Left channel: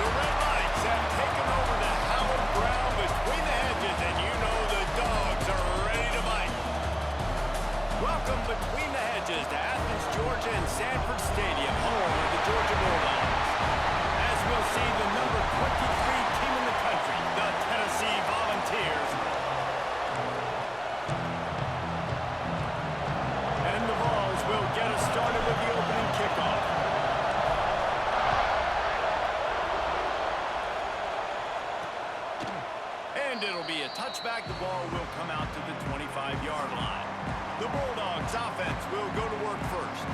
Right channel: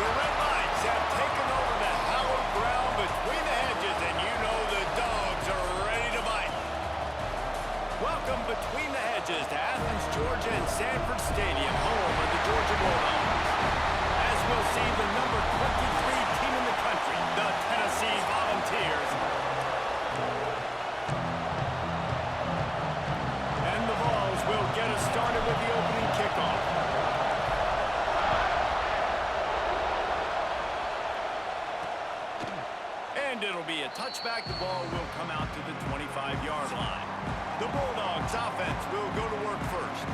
The red lights have taken over the hallowed ground between the hedges, and you know the dogs are ready to bite. Welcome between the hedges to Athens, Georgia and Sanford Stadium, home of the Georgia Bulldogs. As we'll see, the number 23 team in the country, the Tennessee Volunteers. And the Vols will get us started with the opening kickoff. And it'll be a touchback. The ball will come out to the 25-yard line. The Bulldogs offense will go to work first.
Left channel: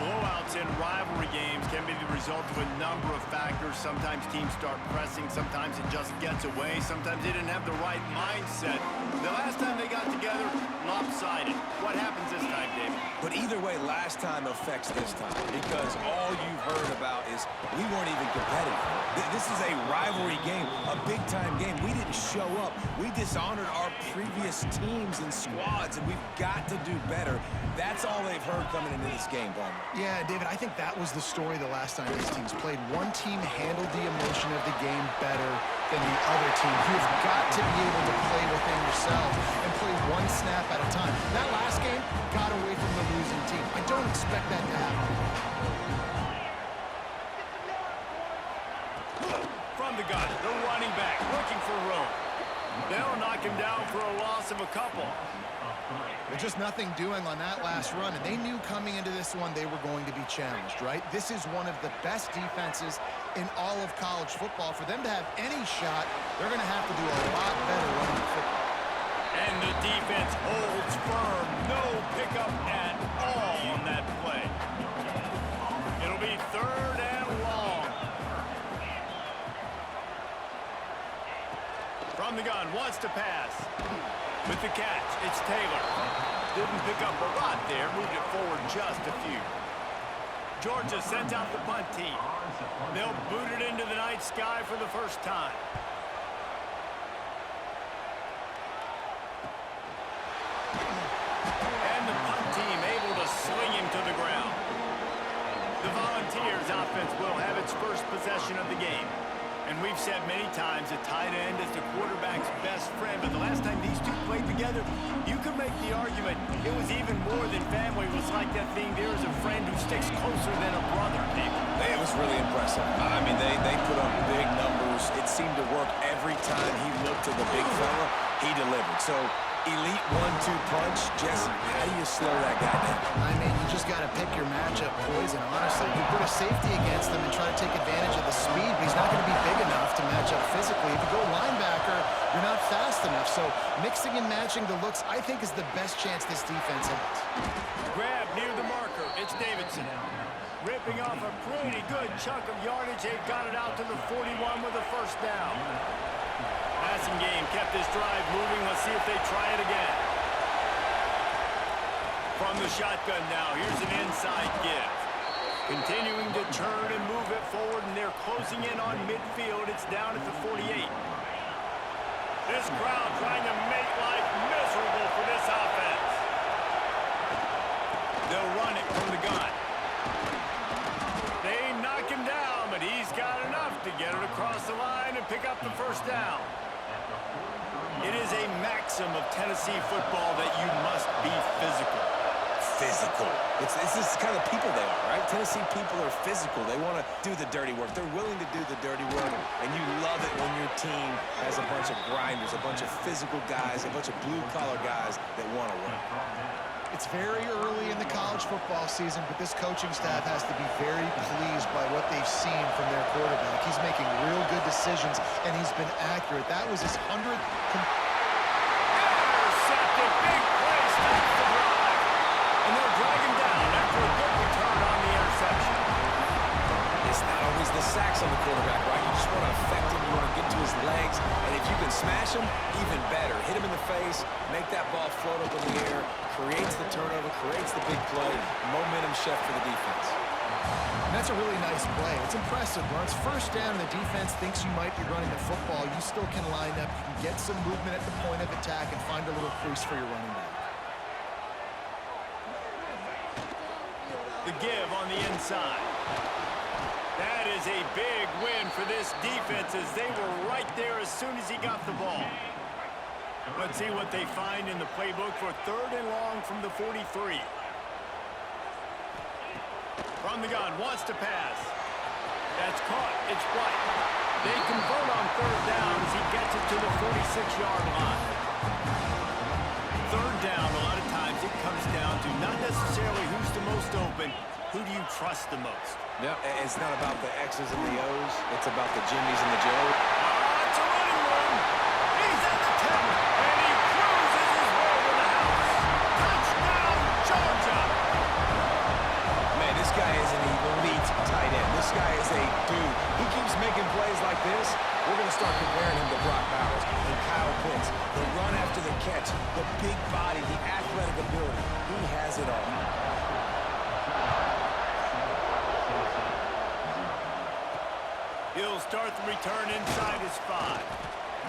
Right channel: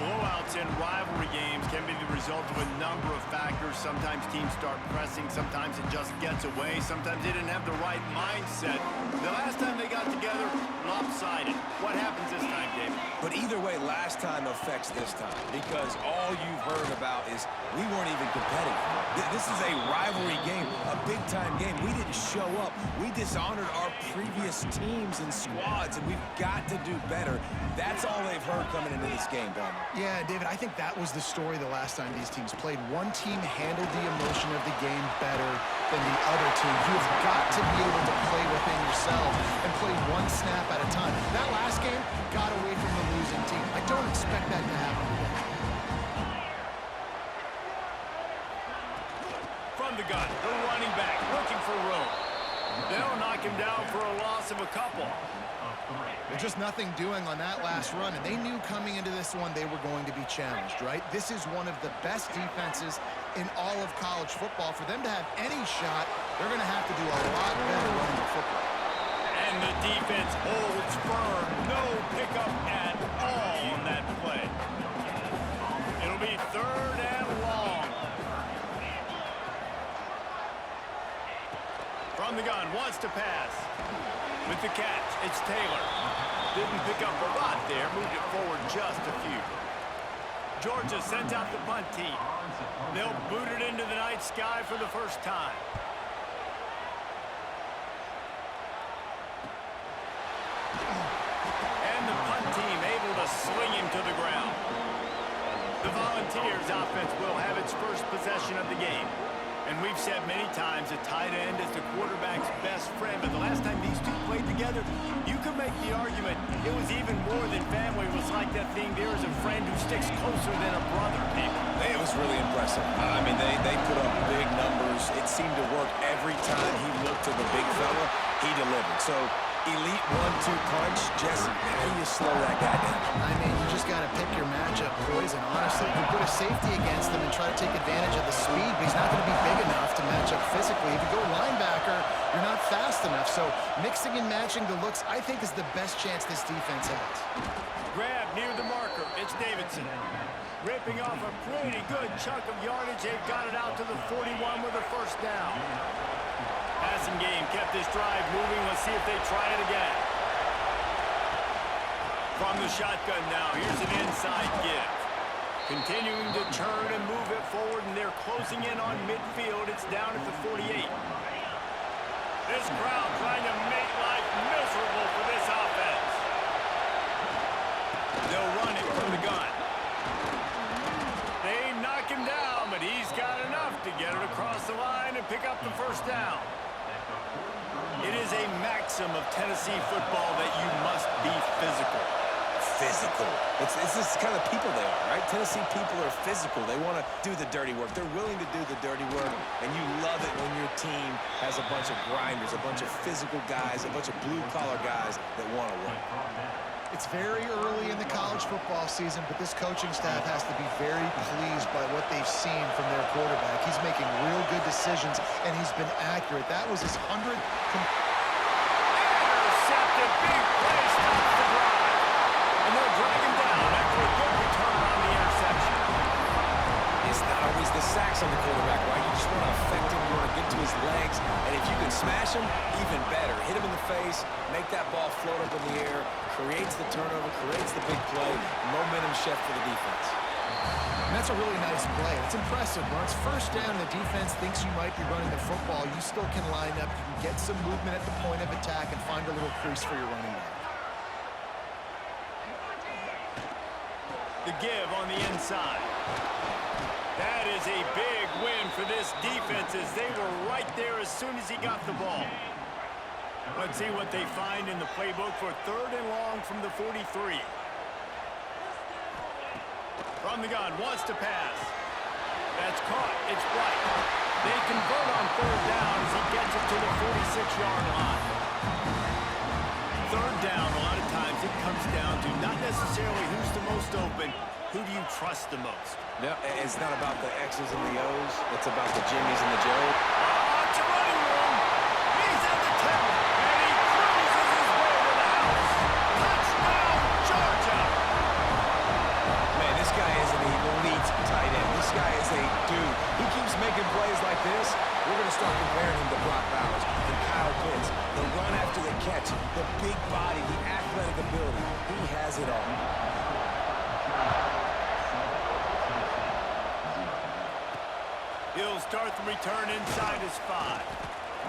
Blowouts in rivalry games can be the result of a number of factors. Sometimes teams start pressing. Sometimes it just gets away. Sometimes they didn't have the right mindset. The last time they got together, lopsided. What happens this time, David? But either way, last time affects this time because all you've heard about is we weren't even competitive. This is a rivalry game, a big-time game. We didn't show up. We dishonored our previous teams and squads, and we've got to do better. That's all they've heard coming into this game, Bowman. Yeah, David, I think that was the story the last time these teams played. One team handled the emotion of the game better than the other team. You've got to be able to play within yourself and play one snap at a time. That last game got away from the losing team. I don't expect that to happen again. From the gun, the running back looking for room. They'll knock him down for a loss of a couple. There's just nothing doing on that last run, and they knew coming into this one they were going to be challenged, right? This is one of the best defenses in all of college football. For them to have any shot, they're going to have to do a lot better running the football. And the defense holds firm. No pickup at all on that play. It'll be 3rd and long. From the gun, wants to pass. With the catch, it's Taylor. Didn't pick up a lot there, moved it forward just a few. Georgia sent out the punt team. They'll boot it into the night sky for the first time. And the punt team able to sling him to the ground. The Volunteers offense will have its first possession of the game. And we've said many times a tight end is the quarterback's best friend. But the last time these two played together, you could make the argument it was even more than family. It was like that thing, there is a friend who sticks closer than a brother, people. It was really impressive. I mean, they put up big numbers. It seemed to work every time he looked to the big fella. He delivered. So, elite 1-2 punch. Jesse, how do you slow that guy down? I mean, you just got to pick your matchup poison, honestly. You put a safety against him and try to take advantage of the speed, but he's not going to be big enough to match up physically. If you go linebacker, you're not fast enough. So mixing and matching the looks, I think, is the best chance this defense has. Grab near the marker. It's Davidson. Ripping off a pretty good chunk of yardage. They've got it out to the 41 with a first down. Passing game kept this drive moving. Let's see if they try it again. From the shotgun now, here's an inside give. Continuing to turn and move it forward, and they're closing in on midfield. It's down at the 48. This crowd trying to make life miserable for this offense. They'll run it from the gun. They knock him down, but he's got enough to get it across the line and pick up the first down. It is a maxim of Tennessee football that you must be physical. Physical. It's this kind of people they are, right? Tennessee people are physical. They want to do the dirty work. They're willing to do the dirty work, and you love it when your team has a bunch of grinders, a bunch of physical guys, a bunch of blue-collar guys that want to work. It's very early in the college football season, but this coaching staff has to be very pleased by what they've seen from their quarterback. He's making real good decisions, and he's been accurate. That was his 100th. Intercepted. Big play. Stops the drive. And they'll drag him down after a good return on the interception. It's not always the sacks on the quarterback, right? You just want to affect him. You want to get to his legs. And if you can smash him, even better. Hit him in the face, make that ball float up in the air, creates the turnover, creates the big play, momentum shift for the defense. And that's a really nice play. It's impressive. When it's first down and the defense thinks you might be running the football, you still can line up. You can get some movement at the point of attack and find a little crease for your running back. The give on the inside. That is is a big win for this defense as they were right there as soon as he got the ball. Let's see what they find in the playbook for 3rd and long from the 43. From the gun, wants to pass. That's caught. It's White. They convert on 3rd down as he gets it to the 46-yard line. 3rd down, a lot of times it comes down to not necessarily who's the most open, who do you trust the most? Yeah, it's not about the X's and the O's. It's about the Jimmies and the Joes. It's a running room. He's at the 10, and he cruises his way to the house. Touchdown, Georgia. Man, this guy is an elite tight end. This guy is a dude. He keeps making plays like this. We're going to start comparing him to Brock Bowers and Kyle Pitts. The run after the catch, the big body, the athletic ability. He has it all. He'll start the return inside his 5.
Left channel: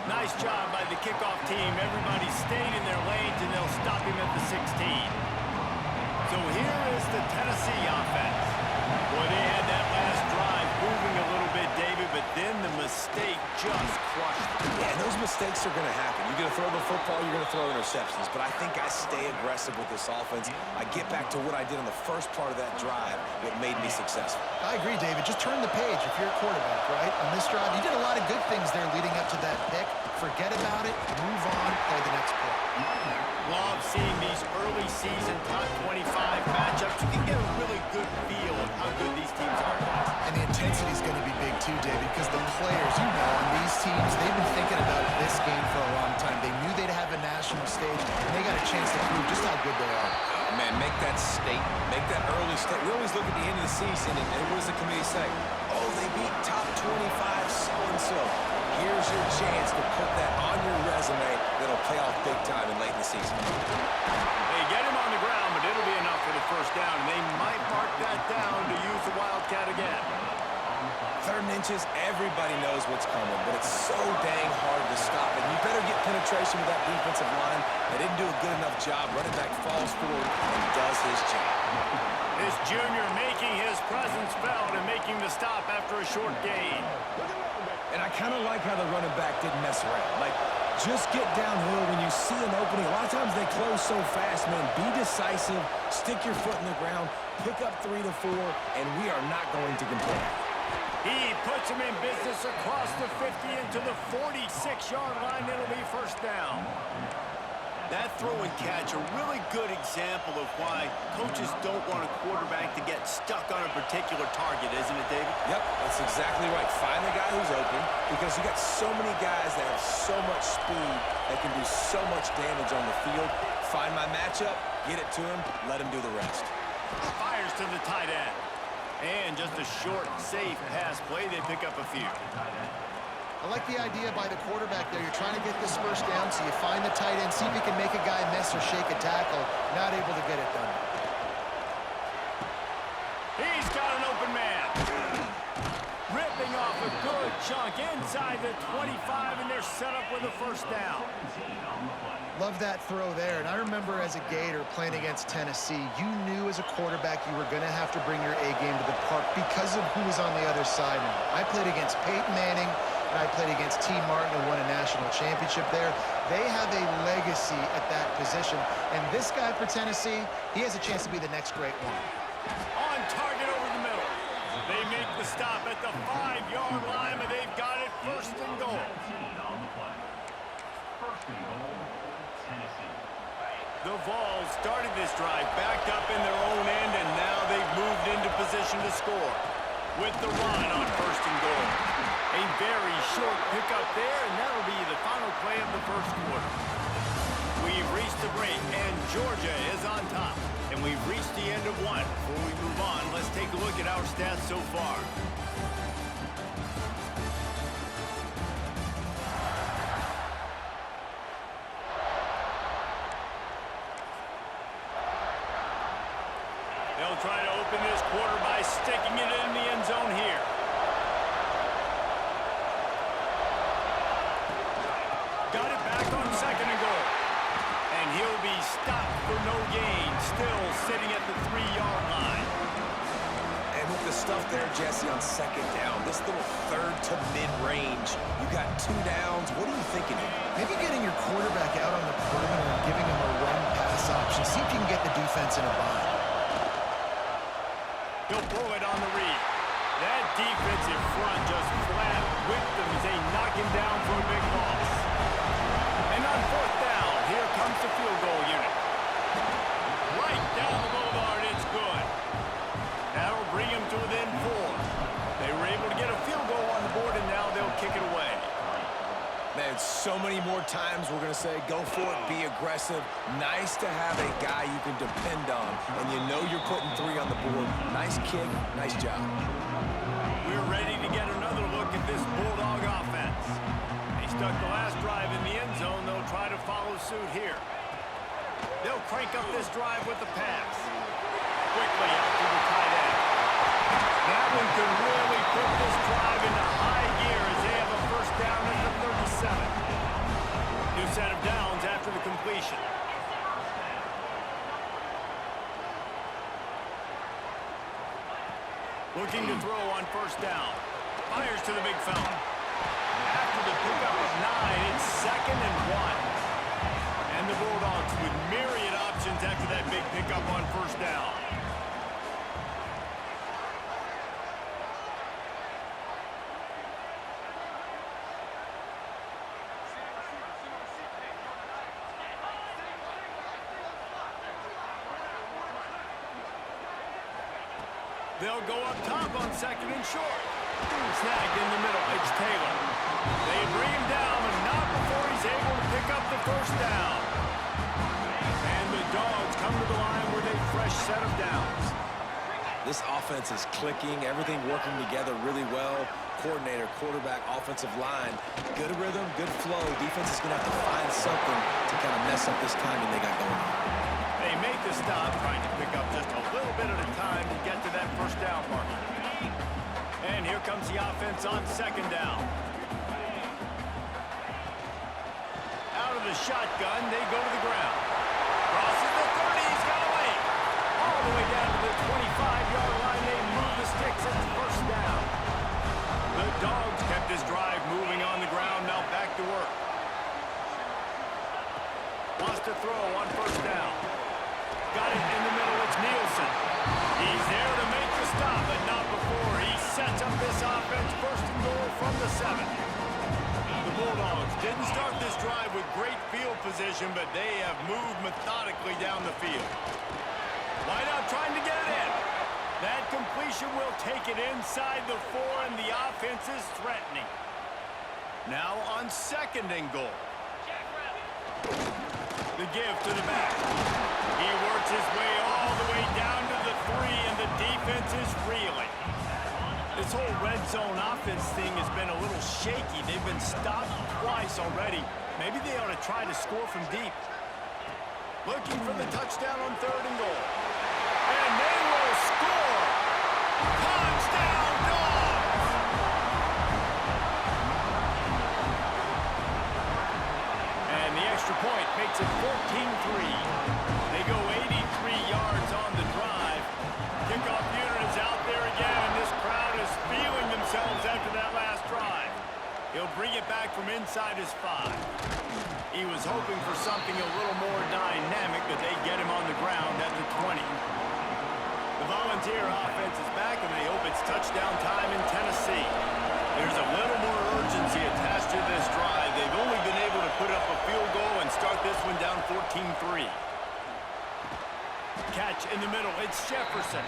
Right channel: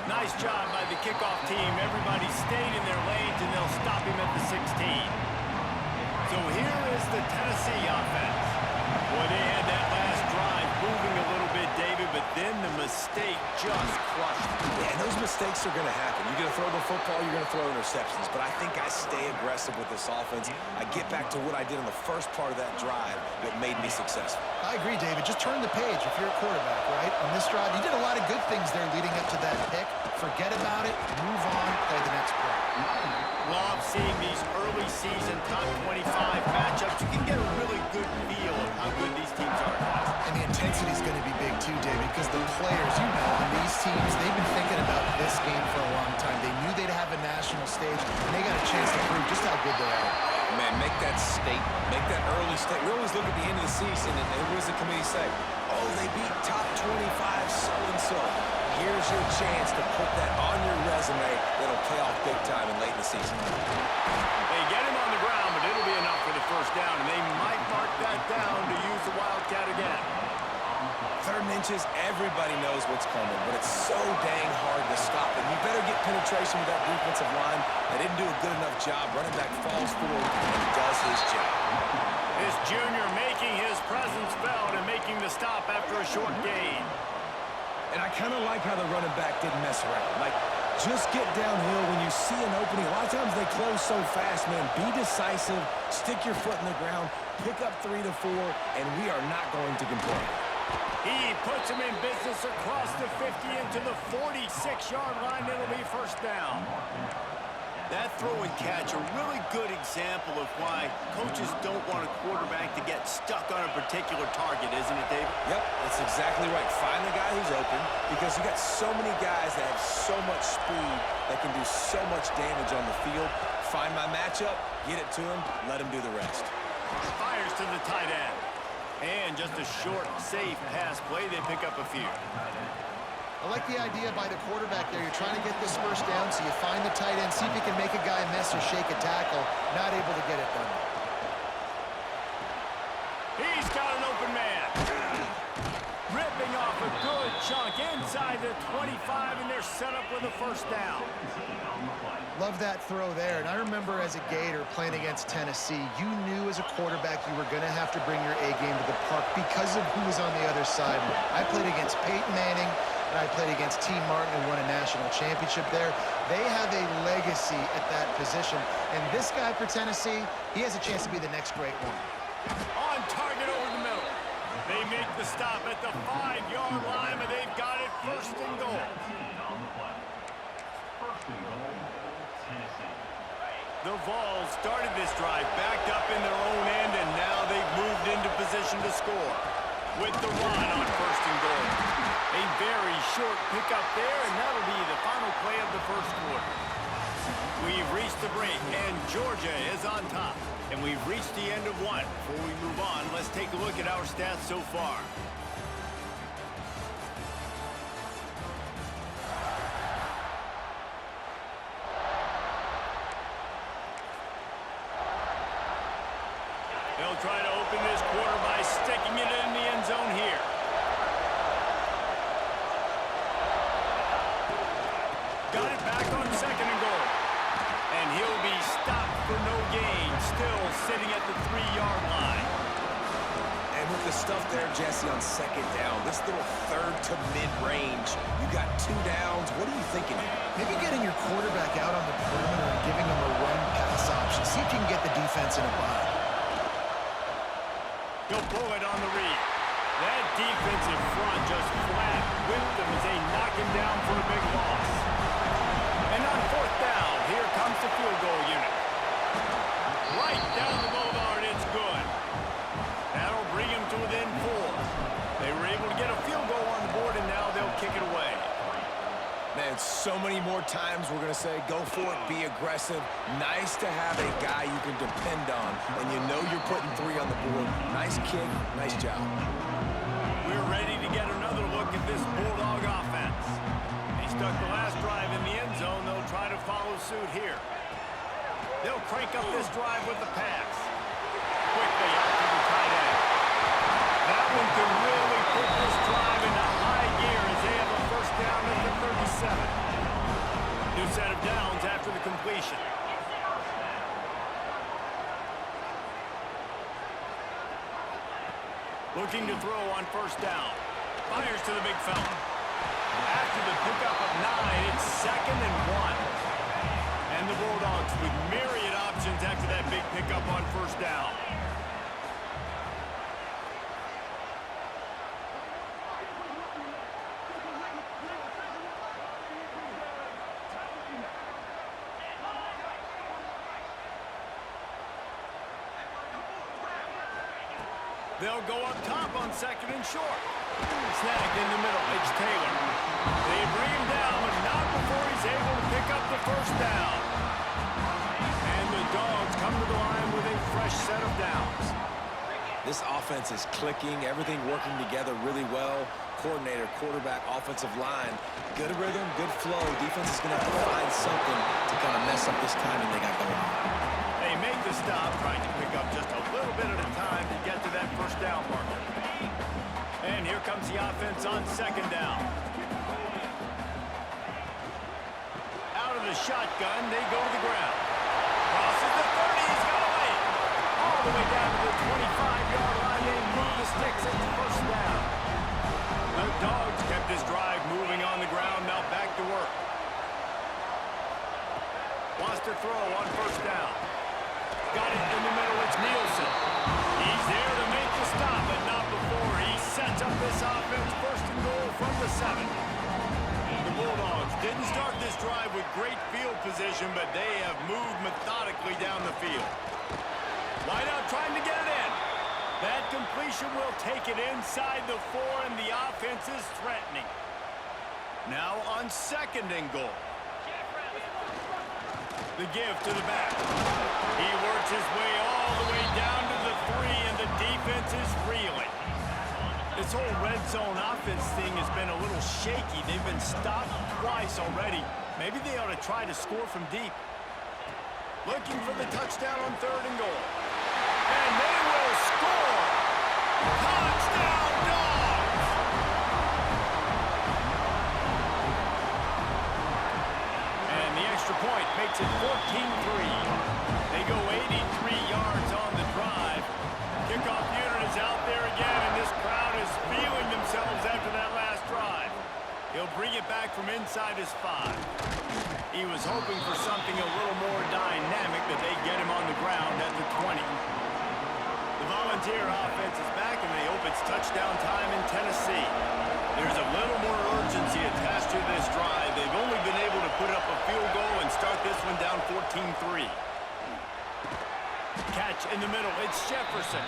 Nice job by the kickoff team. Everybody stayed in their lanes, and they'll stop him at the 16. So here is the Tennessee offense. Boy, they had that last drive moving a little bit, David, but then the mistake just crushed them. Yeah, and those mistakes are going to happen. You're going to throw the football, you're going to throw interceptions. But I think I stay aggressive with this offense. I get back to what I did in the first part of that drive, what made me successful. I agree, David. Just turn the page if you're a quarterback, right? On this drive, you did a lot of good things there leading up to that pick. Forget about it, move on, play the next play. Love seeing these early season top 25 matchups. You can get a really good feel of how good these teams are, guys. And the intensity is going to be big too, David, because the players, you know, on these teams, they've been thinking about this game for a long time. They knew they'd have a national stage, and they got a chance to prove just how good they are. Oh, man, make that statement. Make that early statement. We always look at the end of the season, and what does the committee say? Oh, they beat top 25 so-and-so. Here's your chance to put that on your resume that'll pay off big time and late in the season. They get him on the ground, but it'll be enough for the 1st down, and they might mark that down to use the Wildcat again. 3rd and inches, everybody knows what's coming, but it's so dang hard to stop it. You better get penetration with that defensive line. They didn't do a good enough job. Running back falls forward and does his job. This junior making his presence felt and making the stop after a short gain. And I kind of like how the running back didn't mess around. Like, just get downhill when you see an opening. A lot of times they close so fast, man. Be decisive, stick your foot in the ground, pick up 3 to 4, and we are not going to complain. He puts him in business across the 50 into the 46-yard line. It'll be 1st down. That throw and catch, a really good example of why coaches don't want a quarterback to get stuck on a particular target, isn't it, David? Yep, that's exactly right. Find the guy who's open because you got so many guys that have so much speed that can do so much damage on the field. Find my matchup, get it to him, let him do the rest. Fires to the tight end. And just a short, safe pass play. They pick up a few. I like the idea by the quarterback there. You're trying to get this 1st down, so you find the tight end, see if he can make a guy miss or shake a tackle. Not able to get it done. He's got an open man. Ripping off a good chunk inside the 25, and they're set up with a 1st down. Love that throw there. And I remember as a Gator playing against Tennessee, you knew as a quarterback you were going to have to bring your A game to the park because of who was on the other side. I played against Peyton Manning, and I played against T. Martin, who won a national championship there. They have a legacy at that position. And this guy for Tennessee, he has a chance to be the next great one. On target over the middle. They make the stop at the 5-yard line, but they've got it 1st and goal. The Vols started this drive backed up in their own end, and now they've moved into position to score. With the run on 1st and goal. A very short pickup there, and that'll be the final play of the 1st quarter. We've reached the break, and Georgia is on top. And we've reached the end of one. Before we move on, let's take a look at our stats so far. They'll try to open this quarter by sticking it in the end zone here. Got it back on 2nd and goal. And he'll be stopped for no gain, still sitting at the 3-yard line. And with the stuff there, Jesse, on second down, this little third to mid-range, you got 2 downs. What are you thinking here? Maybe getting your quarterback out on the perimeter and giving him a run-pass option. See if you can get the defense in a bind. He'll pull it on the read. That defensive front just flat whipped them as they knock him down for a big loss. And on fourth down, here comes the field goal unit. Right down the boulevard, it's good. That'll bring him to within 4. They were able to get a field goal on the board, and now they'll kick it away. Man, so many more times we're going to say, go for it, be aggressive. Nice to have a guy you can depend on, and you know you're putting 3 on the board. Nice kick, nice job. We're ready to get another look at this Bulldog offense. They stuck the last drive in the end zone. They'll try to follow suit here. They'll crank up this drive with the pass. Quickly out to the tight end. That one could really put this drive into high gear as they have a first down at the 37. New set of downs after the completion. Looking to throw on first down. Fires to the big fella. After the pickup of 9, it's 2nd and 1. And the Bulldogs with myriad options after that big pickup on first down. They'll go up top on 2nd and short. Snagged in the middle. It's Taylor. They bring him down, but not before he's able to pick up the first down. And the Dogs come to the line with a fresh set of downs. This offense is clicking, everything working together really well. Coordinator, quarterback, offensive line. Good rhythm, good flow. Defense is going to have to find something to kind of mess up this timing they got going on. They make the stop, trying to pick up just a little bit at a time to get to that first down marker. And here comes the offense on 2nd down. Out of the shotgun, they go to the ground. Crosses the 30, he's got away. All the way down to the 25-yard line, they move the sticks at the first down. The Dogs kept this drive moving on the ground, now back to work. Wants to throw on first down. Got it in the middle, it's Nielsen. He's there to make the stop, but not before he sets up this offense 1st and goal from the 7. The Bulldogs didn't start this drive with great field position, but they have moved methodically down the field. Wideout trying to get it in. That completion will take it inside the 4, and the offense is threatening. Now on 2nd and goal. The give to the back. He works his way all the way down to the 3, and the defense is reeling. This whole red zone offense thing has been a little shaky. They've been stopped twice already. Maybe they ought to try to score from deep. Looking for the touchdown on 3rd and goal. And they will score! Touchdown, Dogs! And the extra point makes it 14-3. They go 83 yards on the drive. Kickoff unit is out there again, and this crowd is feeling themselves after that last drive. He'll bring it back from inside his 5. He was hoping for something a little more dynamic, but they get him on the ground at the 20. The Volunteer offense is back, and they hope it's touchdown time in Tennessee. There's a little more urgency attached to this drive. They've only been able to put up a field goal and start this one down 14-3. Catch in the middle, it's Jefferson.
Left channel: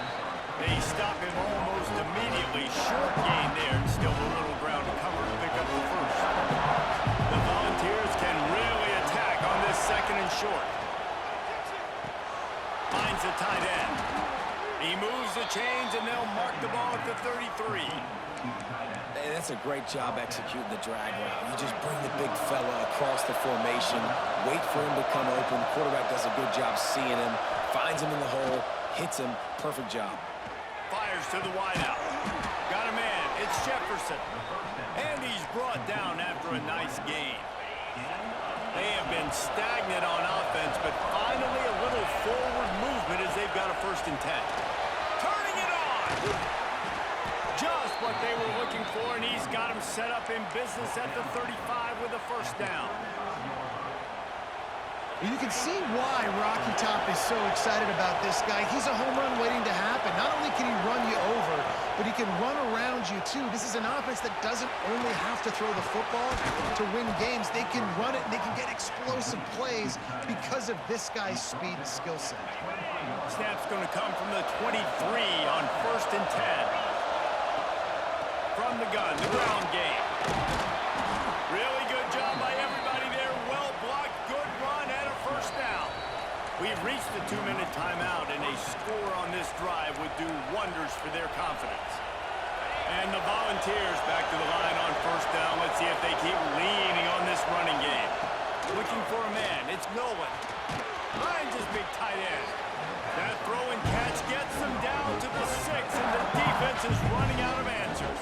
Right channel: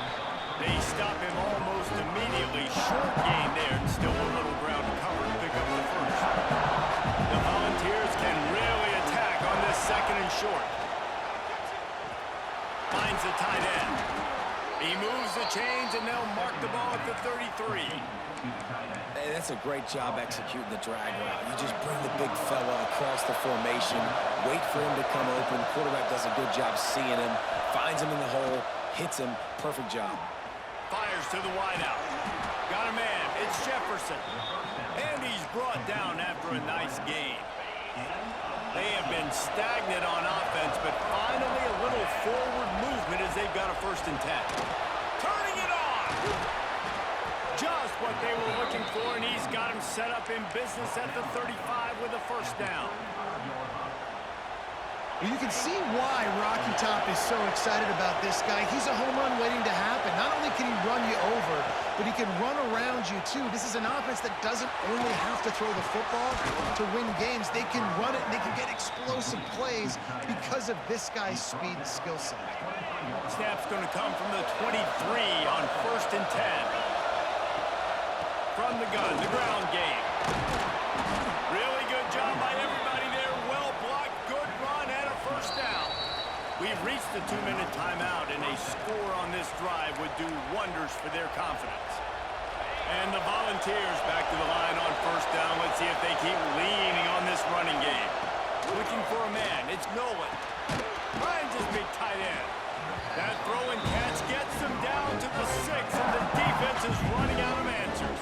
They stop him almost immediately. Short gain there, and still a little ground to cover to pick up the first. The Volunteers can really attack on this 2nd and short. Finds the tight end. He moves the chains, and they'll mark the ball at the 33. Hey, that's a great job executing the drag route. You just bring the big fella across the formation, wait for him to come open. Quarterback does a good job seeing him, finds him in the hole, hits him. Perfect job. Fires to the wideout. Got a man. It's Jefferson. And he's brought down after a nice gain. They have been stagnant on offense, but finally a little forward movement as they've got a 1st and 10. Turning it on! what they were looking for, and he's got him set up in business at the 35 with a first down. Well, you can see why Rocky Top is so excited about this guy. He's a home run waiting to happen. Not only can he run you over, but he can run around you too. This is an offense that doesn't only have to throw the football to win games. They can run it and they can get explosive plays because of this guy's speed and skill set. Snap's going to come from the 23 on 1st and 10. From the gun, the ground game. Really good job by everybody there. Well blocked, good run, and a first down. We've reached the 2-minute timeout, and a score on this drive would do wonders for their confidence. And the Volunteers back to the line on first down. Let's see if they keep leaning on this running game. Looking for a man. It's Nolan. Finds his big tight end. That throw and catch gets them down to the 6, and the defense is running out of answers.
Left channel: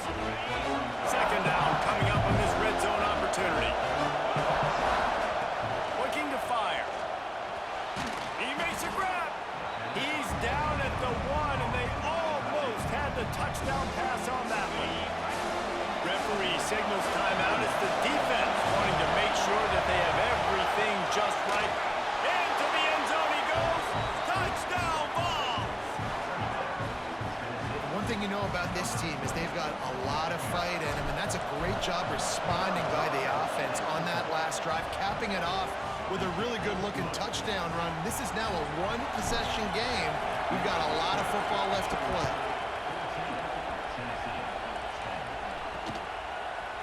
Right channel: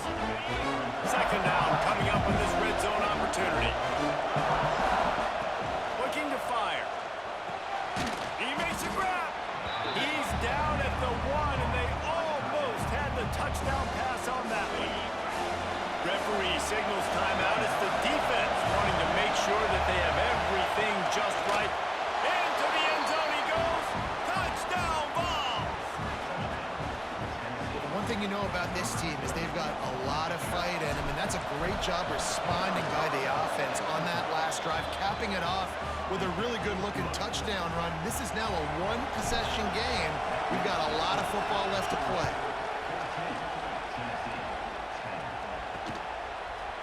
Second down coming up on this red zone opportunity. Looking to fire. He makes a grab. He's down at the 1, and they almost had the touchdown pass on that one. Referee signals timeout. It's the defense wanting to make sure that they have everything just right. Into the end zone he goes. Touchdown, Vols! One thing you know about this team is they've got a lot of fight in them, and that's a great job responding by the offense on that last drive, capping it off with a really good-looking touchdown run. This is now a one-possession game. We've got a lot of football left to play.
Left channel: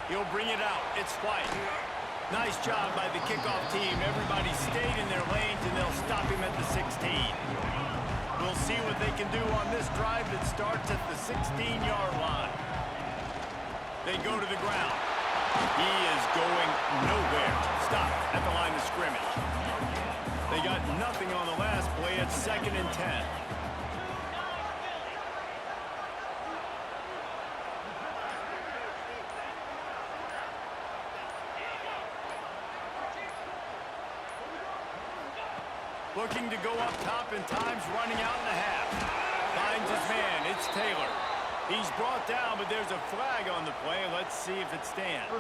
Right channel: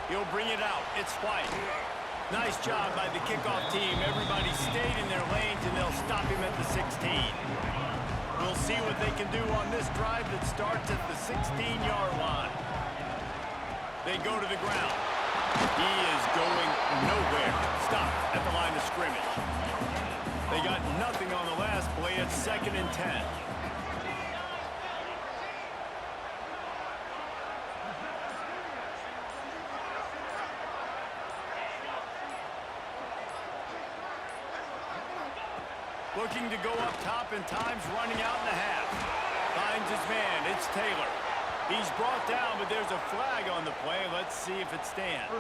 He'll bring it out. It's White. Nice job by the kickoff team. Everybody stayed in their lanes, and they'll stop him at the 16. We'll see what they can do on this drive that starts at the 16-yard line. They go to the ground. He is going nowhere. Stop at the line of scrimmage. They got nothing on the last play. It's 2nd and 10. Looking to go up top, and time's running out in the half. Finds his man. It's Taylor. He's brought down, but there's a flag on the play. Let's see if it stands.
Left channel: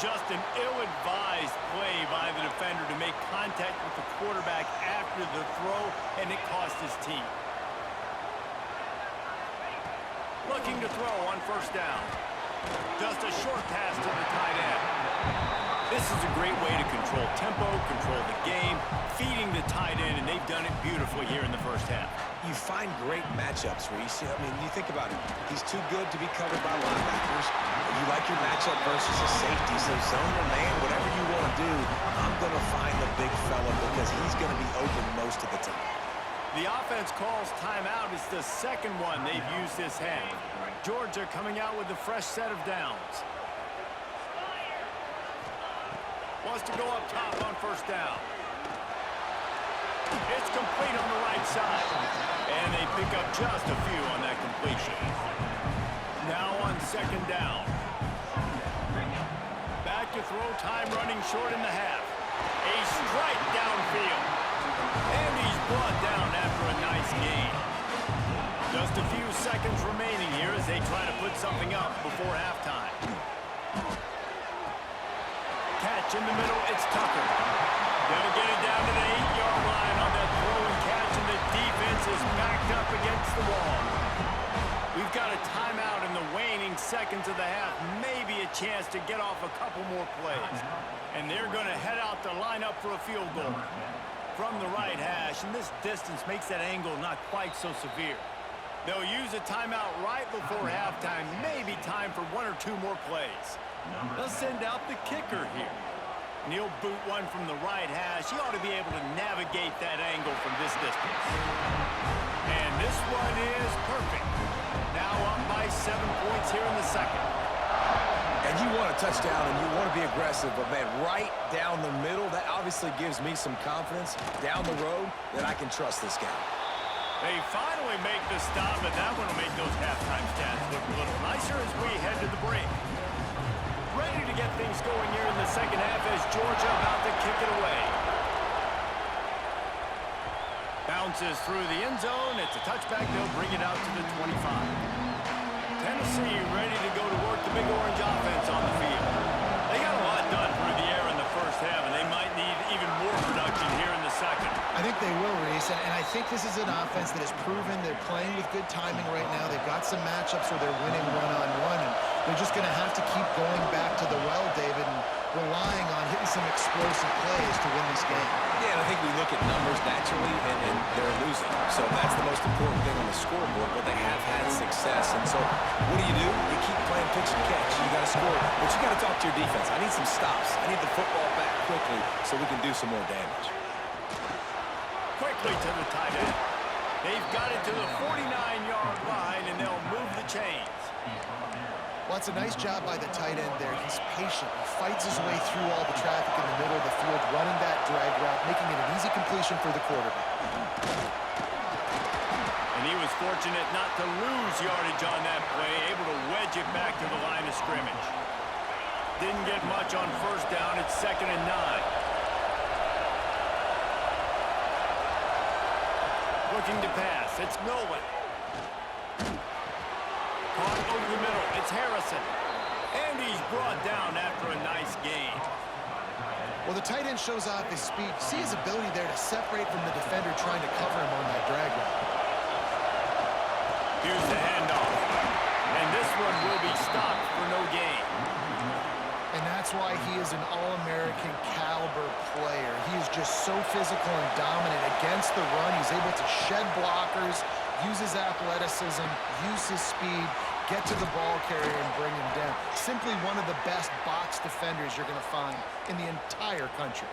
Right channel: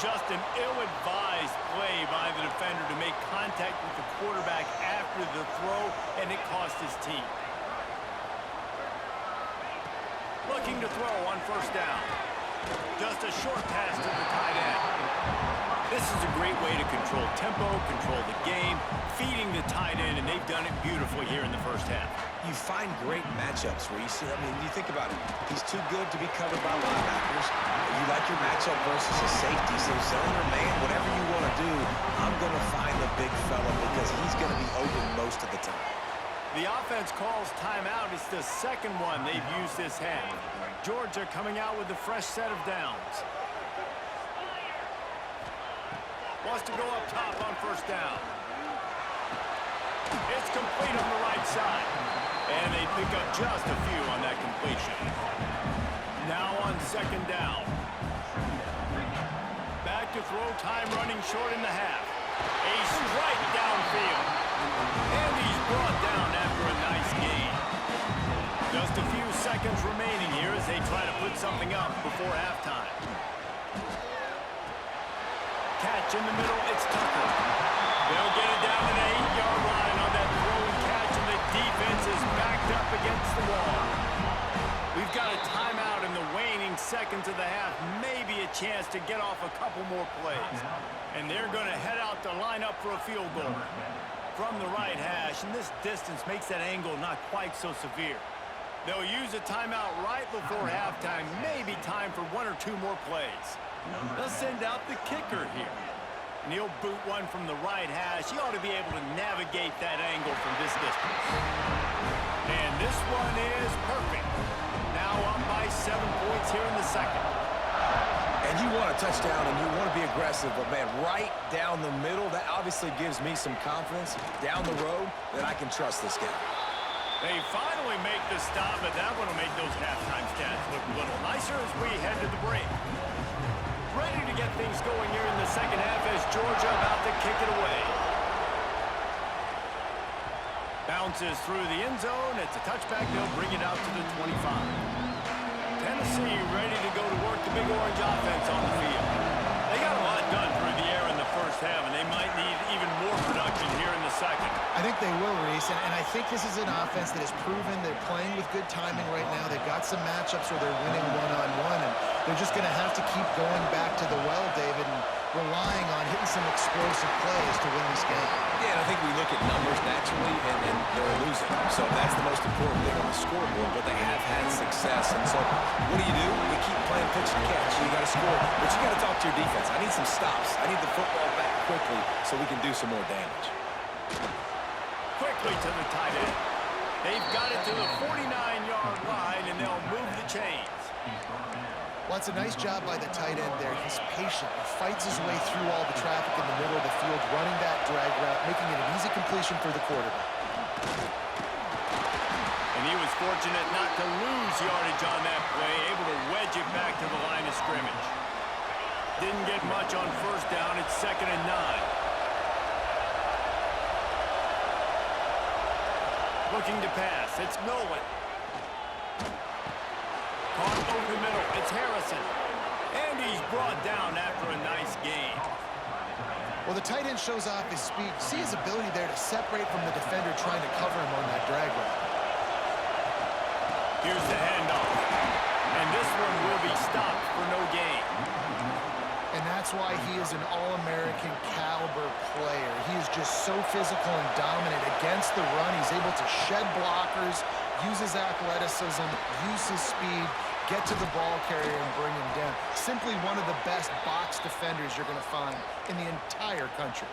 Just an ill-advised play by the defender to make contact with the quarterback after the throw, and it cost his team. Looking to throw on first down. Just a short pass to the tight end. This is a great way to control tempo, control the game, feeding the tight end, and they've done it beautifully here in the first half. You find great matchups where you see, you think about it. He's too good to be covered by linebackers. You like your matchup versus a safety, so zone or man, whatever you want to do, I'm going to find the big fella because he's going to be open most of the time. The offense calls timeout. It's the second one they've used this half. Georgia coming out with a fresh set of downs. Wants to go up top on first down. It's complete on the right side. And they pick up just a few on that completion. Now on second down. Back to throw, time running short in the half. A strike downfield. And he's brought down after a nice gain. Just a few seconds remaining here as they try to put something up before halftime. Catch in the middle, it's Tucker. They'll get it down to the 8-yard line on that throw and catch, and the defense is backed up against the wall. We've got a timeout in the waning seconds of the half, maybe a chance to get off a couple more plays. And they're going to head out to line up for a field goal from the right hash, and this distance makes that angle not quite so severe. They'll use a timeout right before halftime, maybe time for 1 or 2 more plays. They'll send out the kicker here. And he'll boot one from the right hash. He ought to be able to navigate that angle from this distance. And this one is perfect. Now up by 7 points here in the second. And you want a touchdown and you want to be aggressive, but man, right down the middle, that obviously gives me some confidence down the road that I can trust this guy. They finally make the stop, but that one will make those halftime stats look a little nicer as we head to the break. Ready to get things going here in the second half as Georgia about to kick it away. Bounces through the end zone. It's a touchback. They'll bring it out to the 25. Tennessee ready to go to work the Big Orange offense on the field. They got a lot done through the air in the first half, and they might need even more production here in the second. I think they will, Reese, and I think this is an offense that has proven they're playing with good timing right now. They've got some matchups where they're winning one-on-one, and they're just going to have to keep going back to the well, David, and relying on hitting some explosive plays to win this game. Yeah, and I think we look at numbers naturally, and they're losing. So that's the most important thing on the scoreboard, but they have had success. And so what do? You keep playing pitch and catch. You got to score, but you got to talk to your defense. I need some stops. I need the football back quickly so we can do some more damage. Quickly to the tight end. They've got it to the 49-yard line, and they'll move the chains. Well, it's a nice job by the tight end there. He's patient. He fights his way through all the traffic in the middle of the field, running that drag route, making it an easy completion for the quarterback. And he was fortunate not to lose yardage on that play, able to wedge it back to the line of scrimmage. Didn't get much on first down. It's 2nd and 9. Looking to pass. It's Nolan. Caught over the middle. It's Harrison. And he's brought down after a nice gain. Well, the tight end shows off his speed. See his ability there to separate from the defender trying to cover him on that drag route. Here's the handoff. And this one will be stopped for no gain. And that's why he is an All-American caliber player. He is just so physical and dominant against the run. He's able to shed blockers, use his athleticism, use his speed, get to the ball carrier and bring him down. Simply one of the best box defenders you're going to find in the entire country.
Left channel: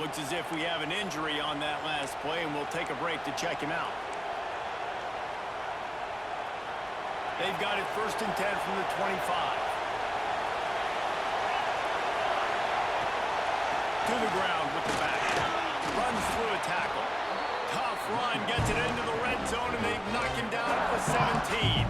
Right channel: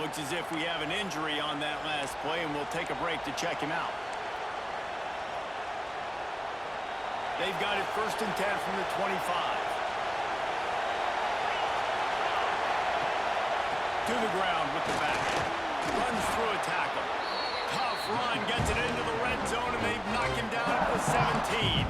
Looks as if we have an injury on that last play, and we'll take a break to check him out. They've got it 1st and 10 from the 25. To the ground with the back. Runs through a tackle. Tough run, gets it into the red zone, and they've knocked him down at the 17.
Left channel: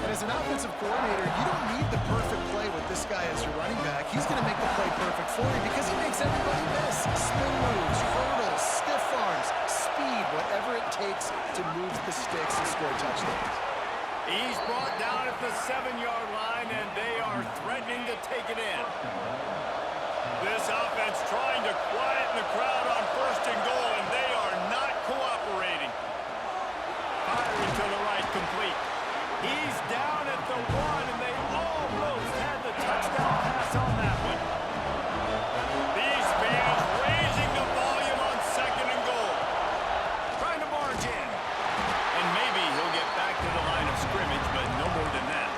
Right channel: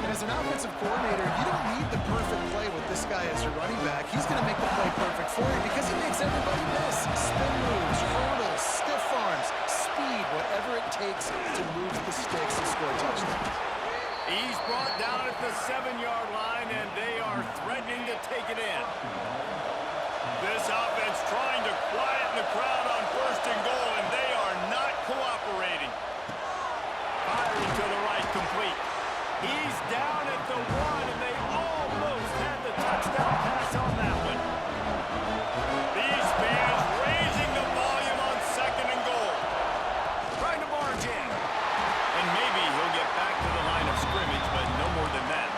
And as an offensive coordinator, you don't need the perfect play with this guy as your running back. He's going to make the play perfect for you because he makes everybody miss. Spin moves, hurdles, stiff arms, speed, whatever it takes to move the sticks and score touchdowns. He's brought down at the 7-yard line, and they are threatening to take it in. This offense trying to quieten the crowd on 1st and goal, and they are not cooperating. Firing to the right, complete. He's down at the 1, and they almost had the touchdown pass on that one. These fans raising the volume on 2nd and goal. Trying to barge in. And maybe he'll get back to the line of scrimmage, but no more than that.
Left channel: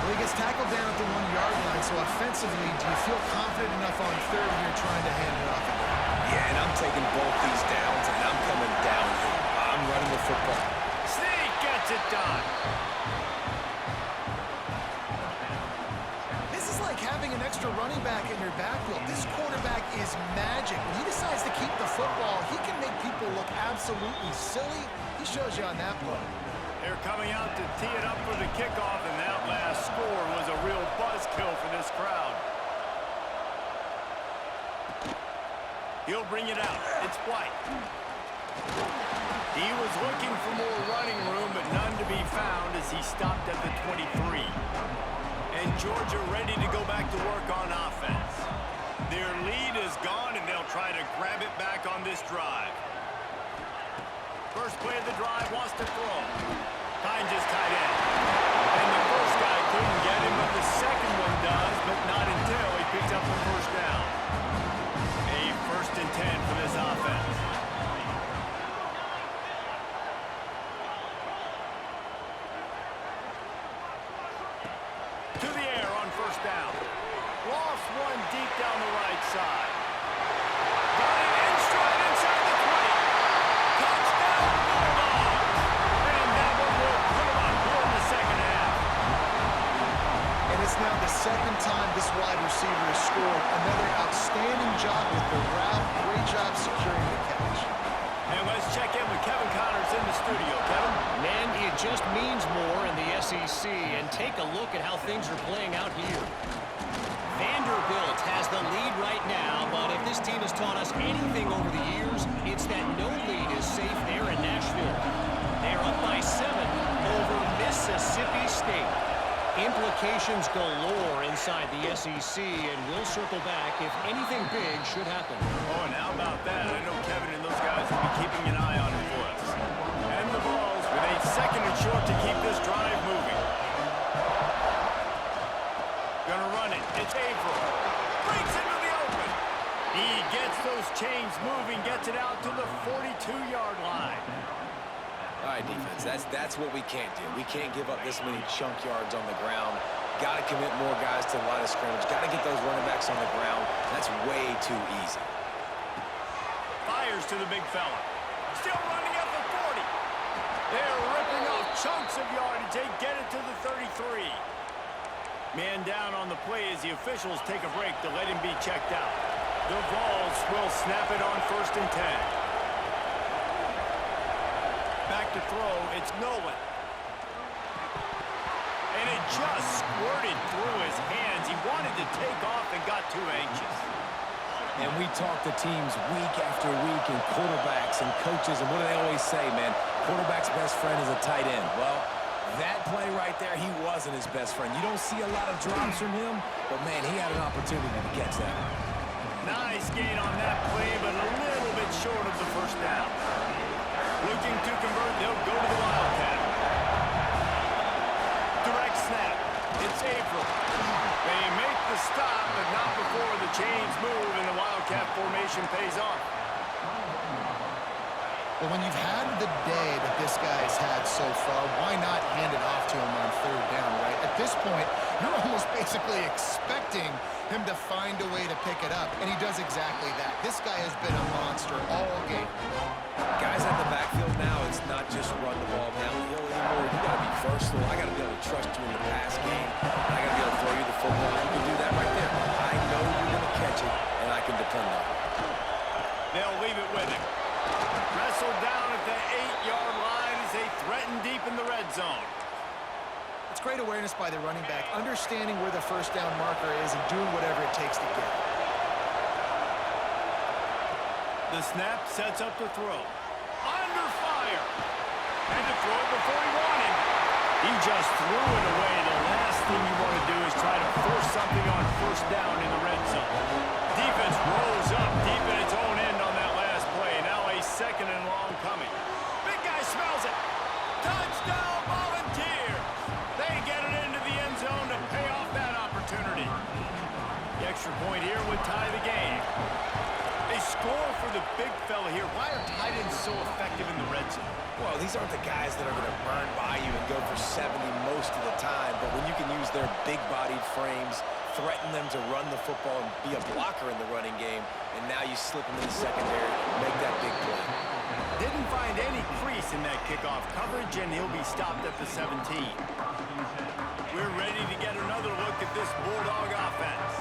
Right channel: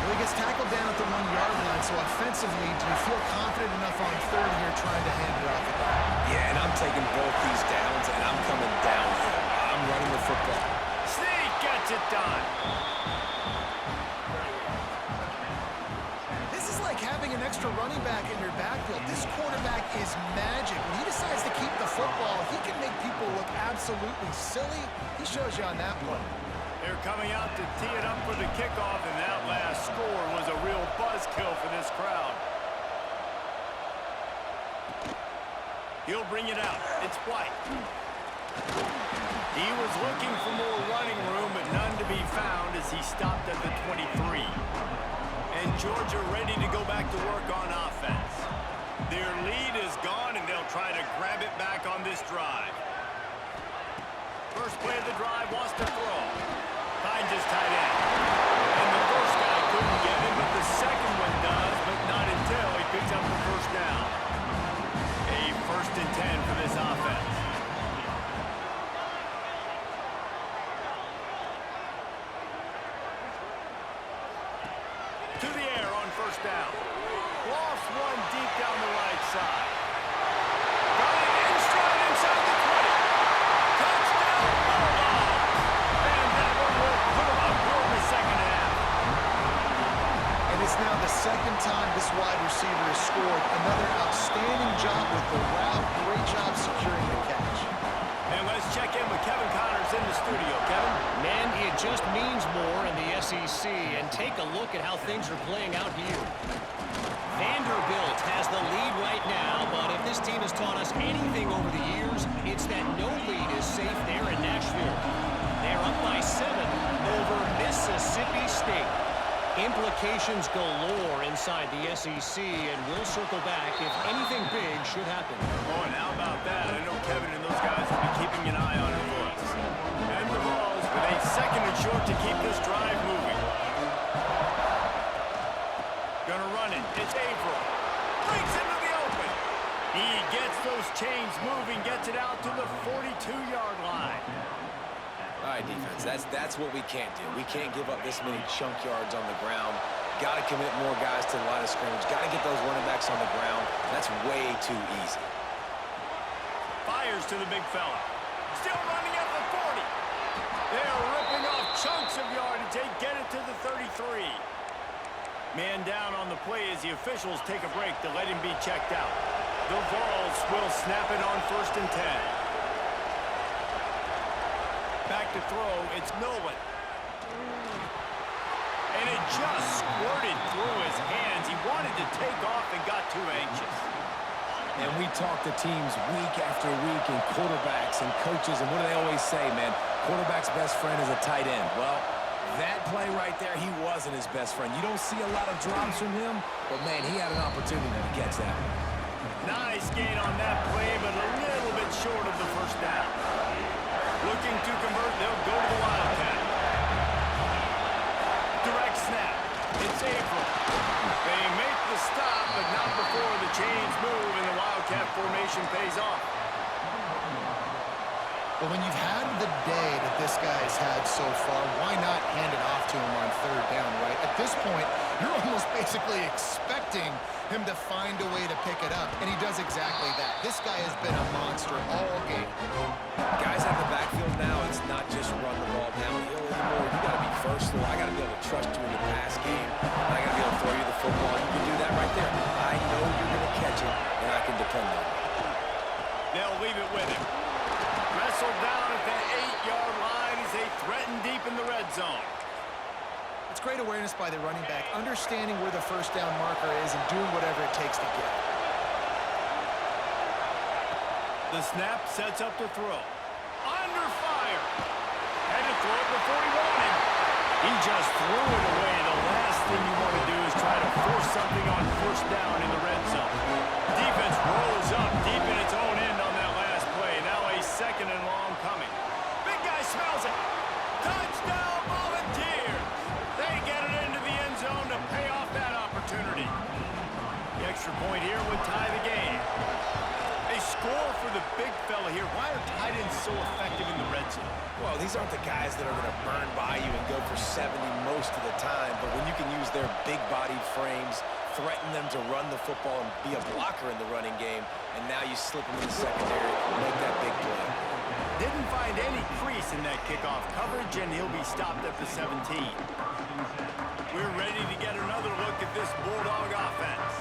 Well, he gets tackled down at the 1-yard line, so offensively, do you feel confident enough on 3rd here trying to hand it off again? Yeah, and I'm taking both these downs, and I'm coming downhill. I'm running the football. Sneak gets it done. This is like having an extra running back in your backfield. This quarterback is magic. When he decides to keep the football, he can make people look absolutely silly. He shows you on that play. They're coming out to tee it up for the kickoff, and that last score was a real buzzkill for this crowd. He'll bring it out. It's White. He was looking for more running room, but none to be found as he stopped at the 23. And Georgia ready to go back to work on offense. Their lead is gone, and they'll try to grab it back on this drive. First play of the drive, wants to throw. Finds his tight end. And the first guy couldn't get him, but the second one does, but not until he picks up the first down. A 1st and 10 for this offense. To the air on 1st down. Lost one deep down the right side. Got it in stride inside the 20. Touchdown, Bulldogs! And that one will put them up here in the second half. And it's now the 2nd time this wide receiver has scored. Another outstanding job with the route. Great job securing the catch. And let's check in with Kevin Connors in the studio. Kevin? Man, it just means more in the SEC. And take a look at how things are playing out here. Vanderbilt has the lead right now, but if this team has taught us anything over the years, it's that safe there in Nashville. They're up by 7 over Mississippi State. Implications galore inside the SEC, and we'll circle back if anything big should happen. Oh, and how about that? I know Kevin and those guys will be keeping an eye on it for us. And the Vols with a 2nd and short to keep this drive moving. Gonna run it. It's April. Breaks into the open. He gets those chains moving, gets it out to the 42-yard line. All right, defense, that's what we can't do. We can't give up this many chunk yards on the ground. Got to commit more guys to the line of scrimmage. Got to get those running backs on the ground. That's way too easy. Fires to the big fella. Still running at the 40. They're ripping off chunks of yardage. They get it to the 33. Man down on the play as the officials take a break to let him be checked out. The Vols will snap it on 1st and 10. Back to throw, it's Nolan. And it just squirted through his hands. He wanted to take off and got too anxious. And we talk to teams week after week and quarterbacks and coaches, and what do they always say, man? Quarterback's best friend is a tight end. Well, that play right there, he wasn't his best friend. You don't see a lot of drops from him, but, man, he had an opportunity to catch that one. Nice gain on that play, but a little bit short of the 1st down. Looking to convert, they'll go to the Wildcat. Direct snap. It's April. They make the stop, but not before the chains move and the Wildcat formation pays off. Well, when you've had the day that this guy's had so far, why not hand it off to him on 3rd down, right? At this point, you're almost basically expecting him to find a way to pick it up, and he does exactly that. This guy has been a monster all game. Guys at the backfield now, it's not just run the ball downhill anymore. You got to be versatile. I got to be able to trust you in the pass game, and I got to be able to throw you the football. You can do that right there. I know you're going to catch it, and I can depend on it. They'll leave it with him. Wrestled down at the 8-yard line as they threaten deep in the red zone. It's great awareness by the running back, understanding where the 1st down marker is and doing whatever it takes to get it. The snap sets up to throw. Under fire. Had to throw it before he wanted. He just threw it away. The last thing you want to do is try to force something on 1st down in the red zone. Defense rolls up deep in its own end on that last play. Now a 2nd and long coming. Big guy smells it. Touchdown Volunteers. They get it into the end zone to pay off that opportunity. The extra point here would tie the game. They score for the big fella here. Why are tight ends so effective in the red zone? Well, these aren't the guys that are going to burn by you and go for 70 most of the time, but when you can use their big-bodied frames, threaten them to run the football and be a blocker in the running game, and now you slip them in the secondary, make that big play. Didn't find any crease in that kickoff coverage, and he'll be stopped at the 17. We're ready to get another look at this Bulldog offense.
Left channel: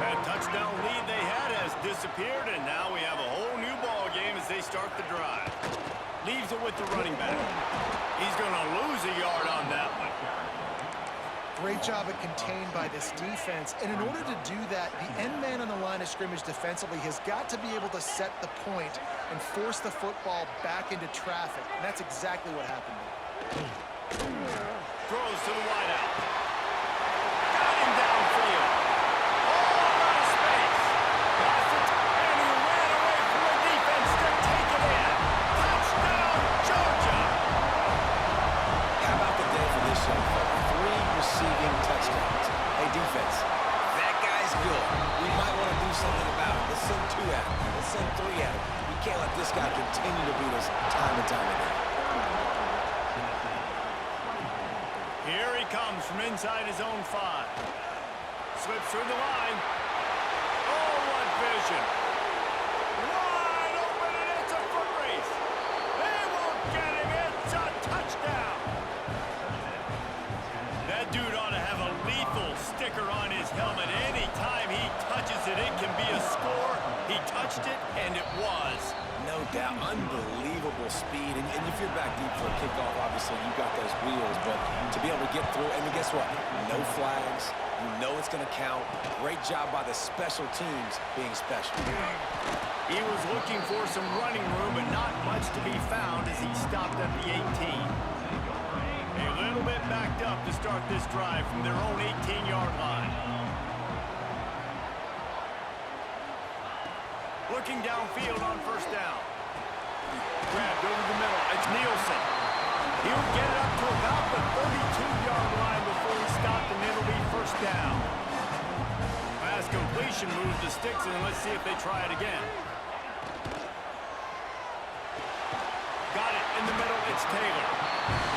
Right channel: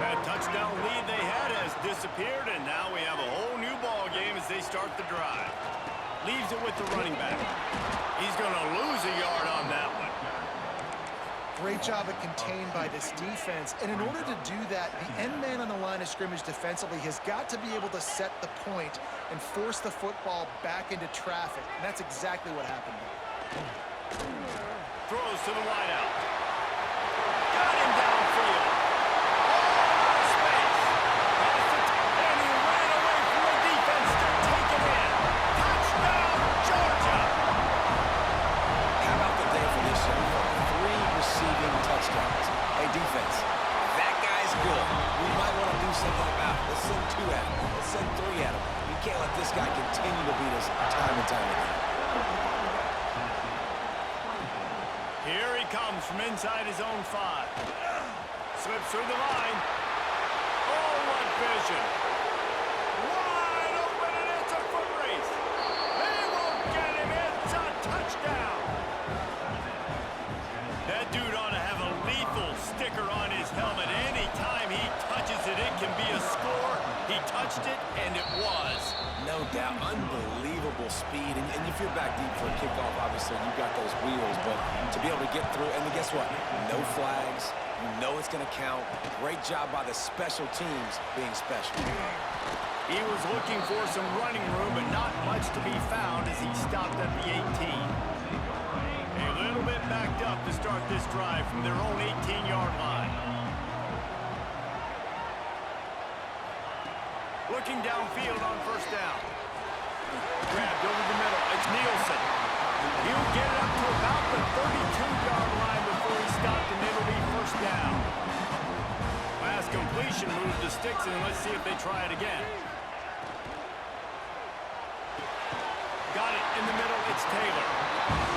That touchdown lead they had has disappeared, and now we have a whole new ball game as they start the drive. Leaves it with the running back. He's going to lose a yard on that one. Great job at contained by this defense. And in order to do that, the end man on the line of scrimmage defensively has got to be able to set the point and force the football back into traffic. And that's exactly what happened there. Throws to the wideout. Got him downfield. All out of space. Pass it, and he ran away from the defense to take it in. Touchdown, Georgia. How about the day for this young fella? 3 receiving touchdowns. Hey, defense, that guy's good. We might want to do something about it. Let's send 2 at him. Let's send 3 at him. We can't let this guy continue to beat us time and time again. Here he comes from inside his own 5. Slips through the line. Oh, what vision. Wide open, and it's a foot race. They won't get him. It's a touchdown. That dude ought to have a lethal lethal sticker on his helmet. Anytime he touches it, it can be a score. He touched it, and it was. No doubt, unbelievable speed. And if you're back deep for a kickoff, obviously you've got those wheels, but to be able to get through, and then guess what? No flags. You know it's going to count. Great job by the special teams being special. He was looking for some running room, but not much to be found as he stopped at the 18. A little bit backed up to start this drive from their own 18-yard line. Looking downfield on first down. Grabbed over the middle. It's Nielsen. He'll get it up to about the 32-yard line before he stopped, and it'll be first down. Last completion moves the sticks, and let's see if they try it again. Got it in the middle. It's Taylor.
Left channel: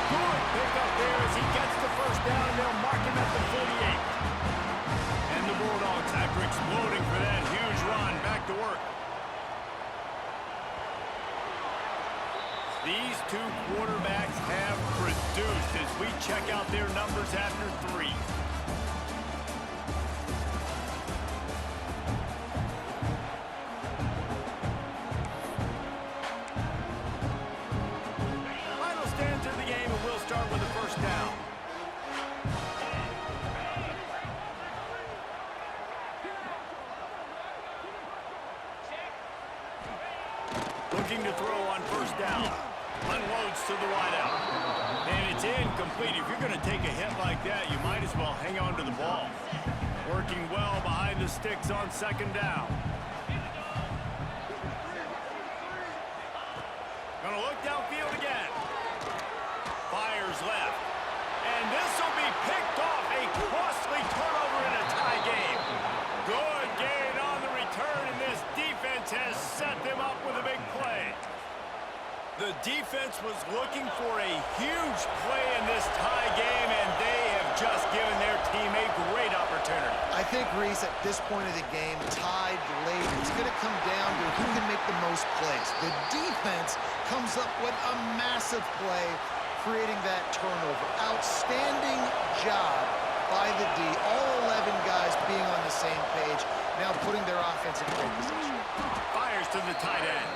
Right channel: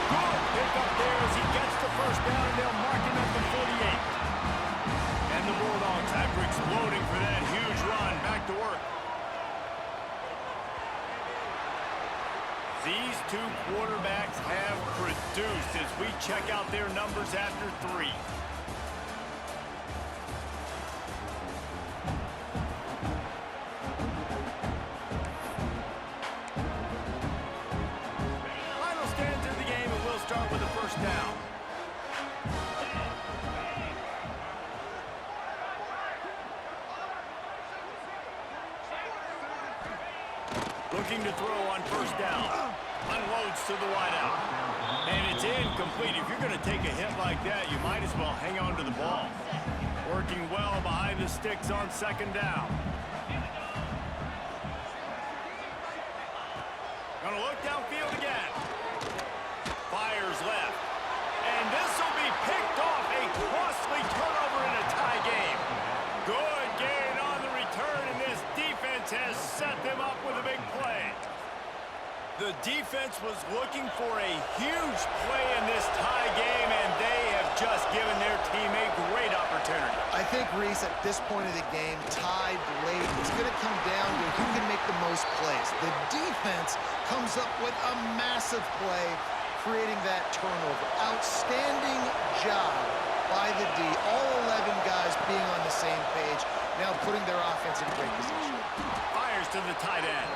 Good pick up there as he gets the first down, and they'll mark him at the 48. And the Bulldogs, after exploding for that huge run, back to work. These two quarterbacks have produced as we check out their numbers after 3. Final stands of the game, and we'll start with the first down. Looking to throw on first down. Unloads to the wideout. And it's incomplete. If you're going to take a hit like that, you might as well hang on to the ball. Working well behind the sticks on second down. Going to look downfield again. Fires left. And this will be picked off. A costly turnover in a tie game. Good gain on the return, and this defense has set them up with a big play. The defense was looking for a huge play in this tie game, and they have just given their team a great opportunity. I think, Reese, at this point of the game, tied late, it's going to come down to who can make the most plays. The defense comes up with a massive play, creating that turnover. Outstanding job by the D. All 11 guys being on the same page, now putting their offense in great position. Fires to the tight end.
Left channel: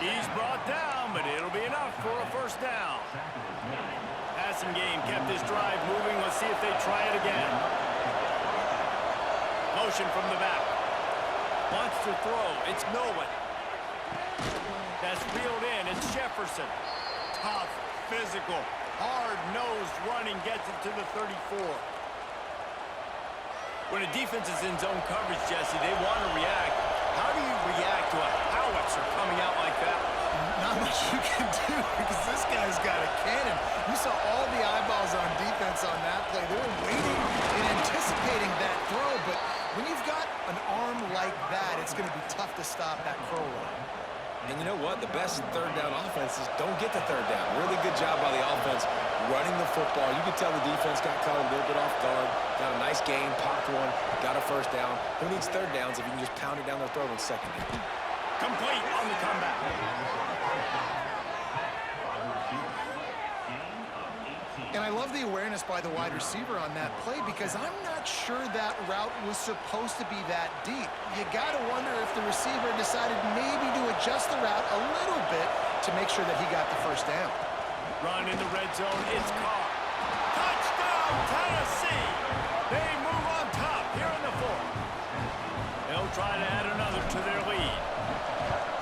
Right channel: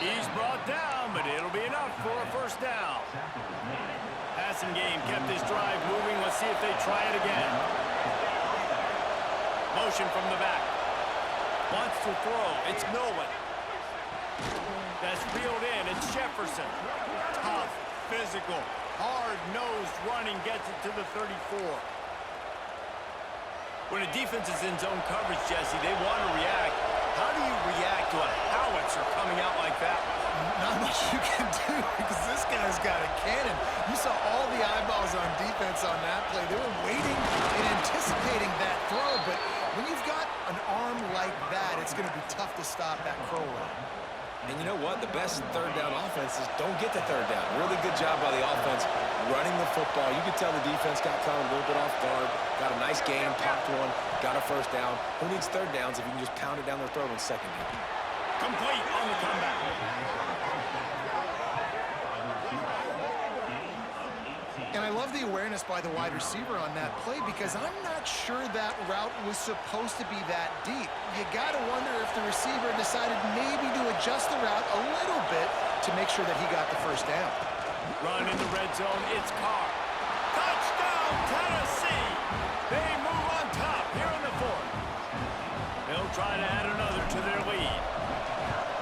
He's brought down, but it'll be enough for a first down. Passing game kept this drive moving. Let's see if they try it again. Motion from the back. Wants to throw. It's Nolan. That's reeled in. It's Jefferson. Tough, physical, hard-nosed running gets it to the 34. When a defense is in zone coverage, Jesse, they want to react. How do you react to a howitzer coming out like that? Not much you can do because this guy's got a cannon. You saw all the eyeballs on defense on that play. They were waiting and anticipating that throw, but when you've got an arm like that, it's going to be tough to stop that curl run. And you know what? The best third down offenses don't get to third down. Really good job by the offense running the football. You could tell the defense got caught a little bit off guard. Got a nice game, popped one, got a first down. Who needs third downs if you can just pound it down their throat on second down? Complete on the comeback. And I love the awareness by the wide receiver on that play because I'm not sure that route was supposed to be that deep. You got to wonder if the receiver decided maybe to adjust the route a little bit to make sure that he got the first down. Run in the red zone. It's Carr. Touchdown, Tennessee! They move on top here in the fourth. They'll try to add another to their lead.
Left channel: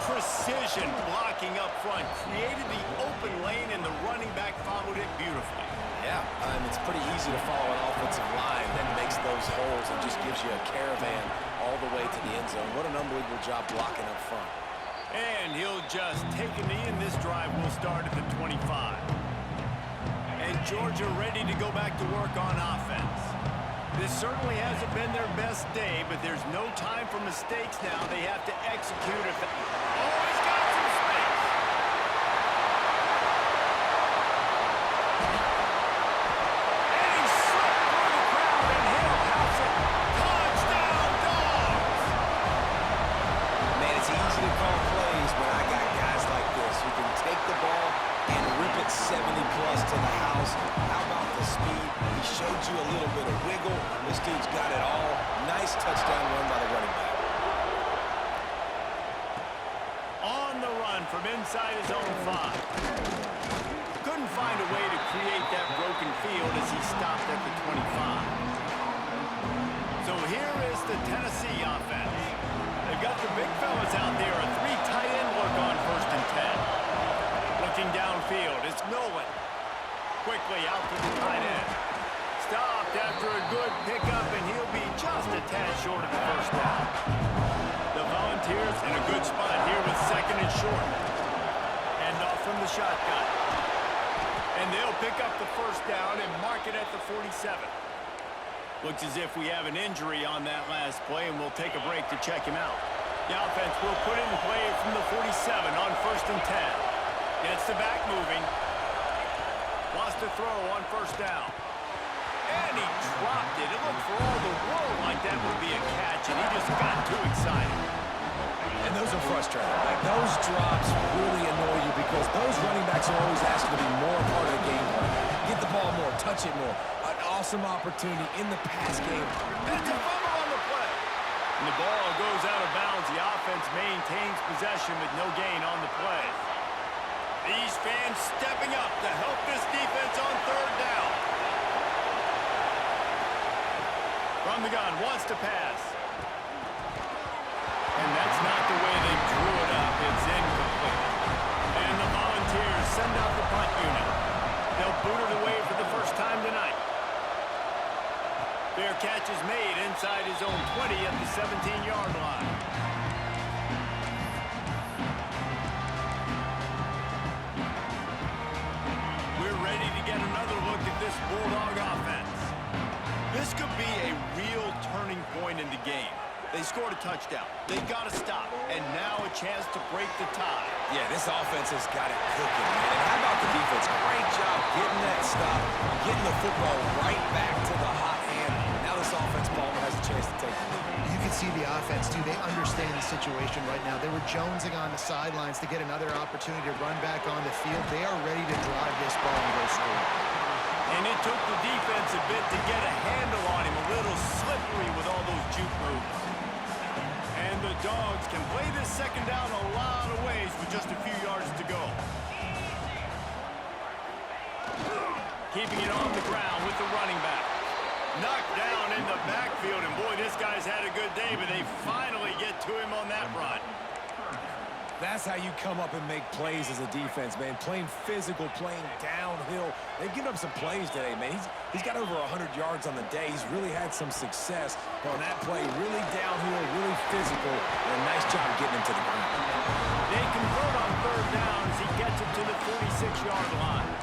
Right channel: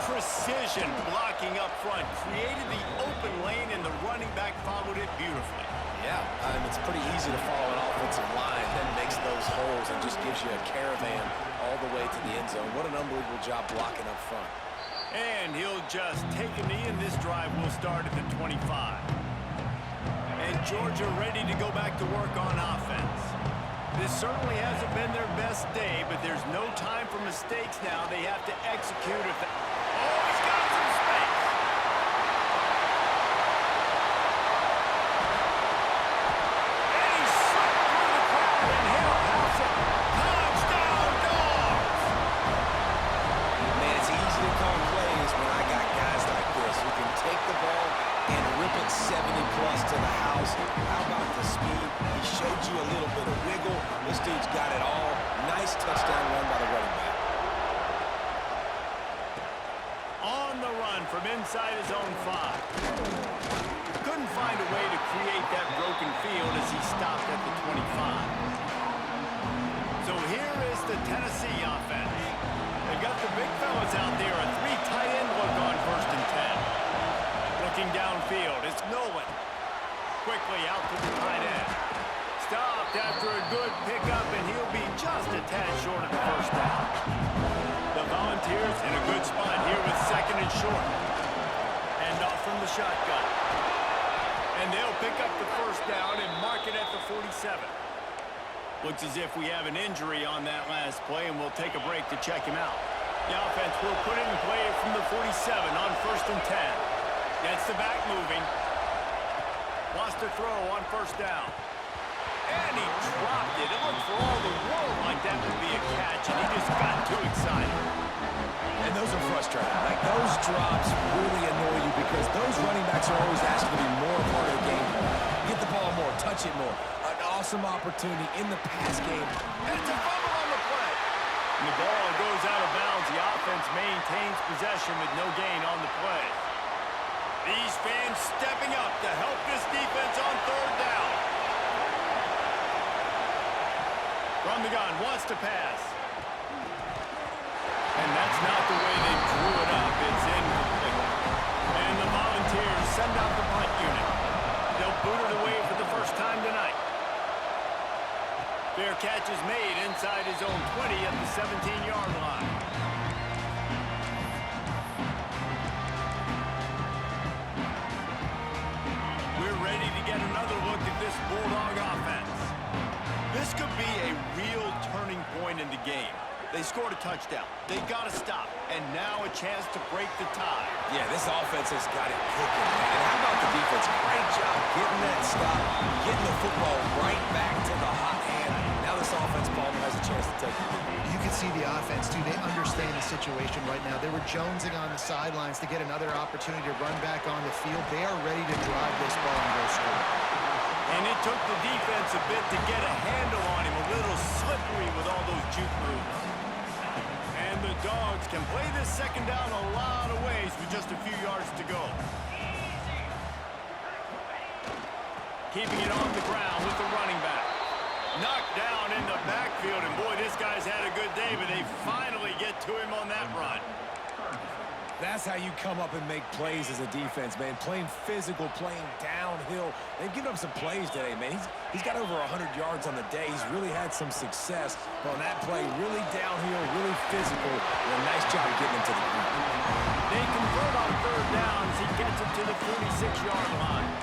Precision blocking up front created the open lane, and the running back followed it beautifully. Yeah, it's pretty easy to follow an offensive line that makes those holes and just gives you a caravan all the way to the end zone. What an unbelievable job blocking up front. And he'll just take a knee, and this drive will start at the 25. And Georgia ready to go back to work on offense. This certainly hasn't been their best day, but there's no time for mistakes now. They have to execute it. Oh, he's got some space. And he slipped through the crowd, and he'll house it. Touchdown, Dogs! Man, it's easy to call plays when I got guys like this who can take the ball and rip it 70-plus to the house. How about the speed? He showed you a little bit of wiggle. This dude's got it all. Nice touchdown run by the running back. On the run from inside his own 5. Couldn't find a way to create that broken field as he stopped at the 25. So here is the Tennessee offense. They've got the big fellas out there. A 3 tight end look on 1st and 10. Looking downfield, it's Nolan. Quickly out to the tight end. Stopped after a good pickup, and he'll be just a tad short of the 1st down. The Volunteers in a good spot here with 2nd and short. Hand off from the shotgun. And they'll pick up the 1st down and mark it at the 47. Looks as if we have an injury on that last play, and we'll take a break to check him out. The offense will put it in play from the 47 on 1st and 10. Gets the back moving. Wants to throw on 1st down. And he dropped it. It looked for all the world like that would be a catch, and he just got too excited. And those are frustrating. Like, those drops really annoy you because those running backs are always asking to be more a part of the game plan. Get the ball more, touch it more. An awesome opportunity in the pass game. And it's a fumble on the play. And the ball goes out of bounds. The offense maintains possession with no gain on the play. These fans stepping up to help this defense on 3rd down. From the gun, wants to pass. And that's not the way they drew it up. It's incomplete. And the Volunteers send out the punt unit. They'll boot it away for the 1st time tonight. Fair catch is made inside his own 20 at the 17-yard line. We're ready to get another look at this Bulldog offense. This could be a real turning point in the game. They scored a touchdown. They got to stop. And now a chance to break the tie. Yeah, this offense has got it cooking, man. And how about the defense? Great job getting that stop, getting the football right back to the hot hand. Now this offense, Palmer, has a chance to take the lead. You can see the offense, too. They understand the situation right now. They were jonesing on the sidelines to get another opportunity to run back on the field. They are ready to drive this ball and go score. And it took the defense a bit to get a handle on him. A little slippery with all those juke moves. And the Dogs can play this 2nd down a lot of ways with just a few yards to go. Keeping it on the ground with the running back. Knocked down in the backfield, and boy, this guy's had a good day, but they finally get to him on that run. That's how you come up and make plays as a defense, man. Playing physical, playing downhill. They've given up some plays today, man. He's got over 100 yards on the day. He's really had some success on that play. Really downhill, really physical, and a nice job getting him to the ground. They convert on 3rd down as he gets it to the 46-yard line.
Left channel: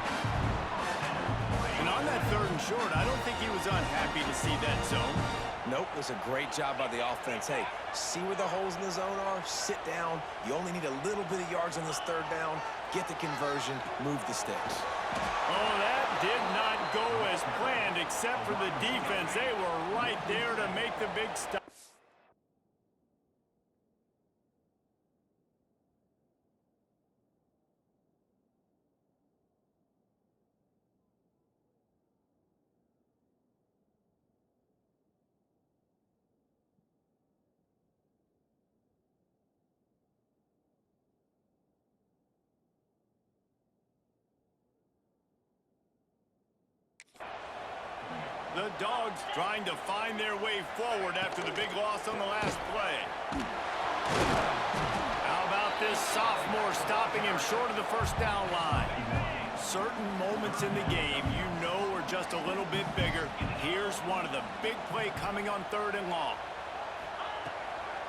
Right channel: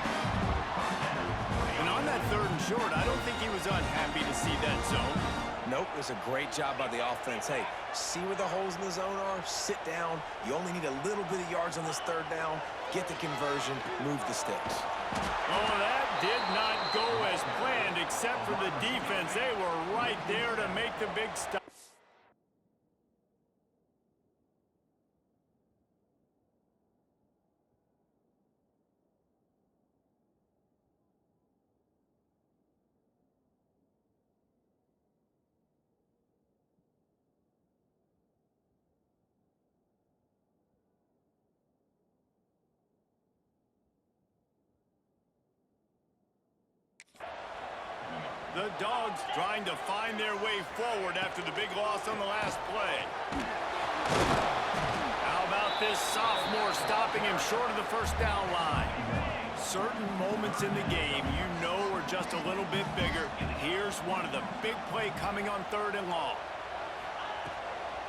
And on that 3rd and short, I don't think he was unhappy to see that zone. Nope, it was a great job by the offense. Hey, see where the holes in the zone are? Sit down. You only need a little bit of yards on this 3rd down. Get the conversion, move the sticks. Oh, that did not go as planned, except for the defense. They were right there to make the big stop. The Dogs trying to find their way forward after the big loss on the last play. How about this sophomore stopping him short of the 1st down line? Certain moments in the game you know are just a little bit bigger. Here's one of them. Big play coming on 3rd and long.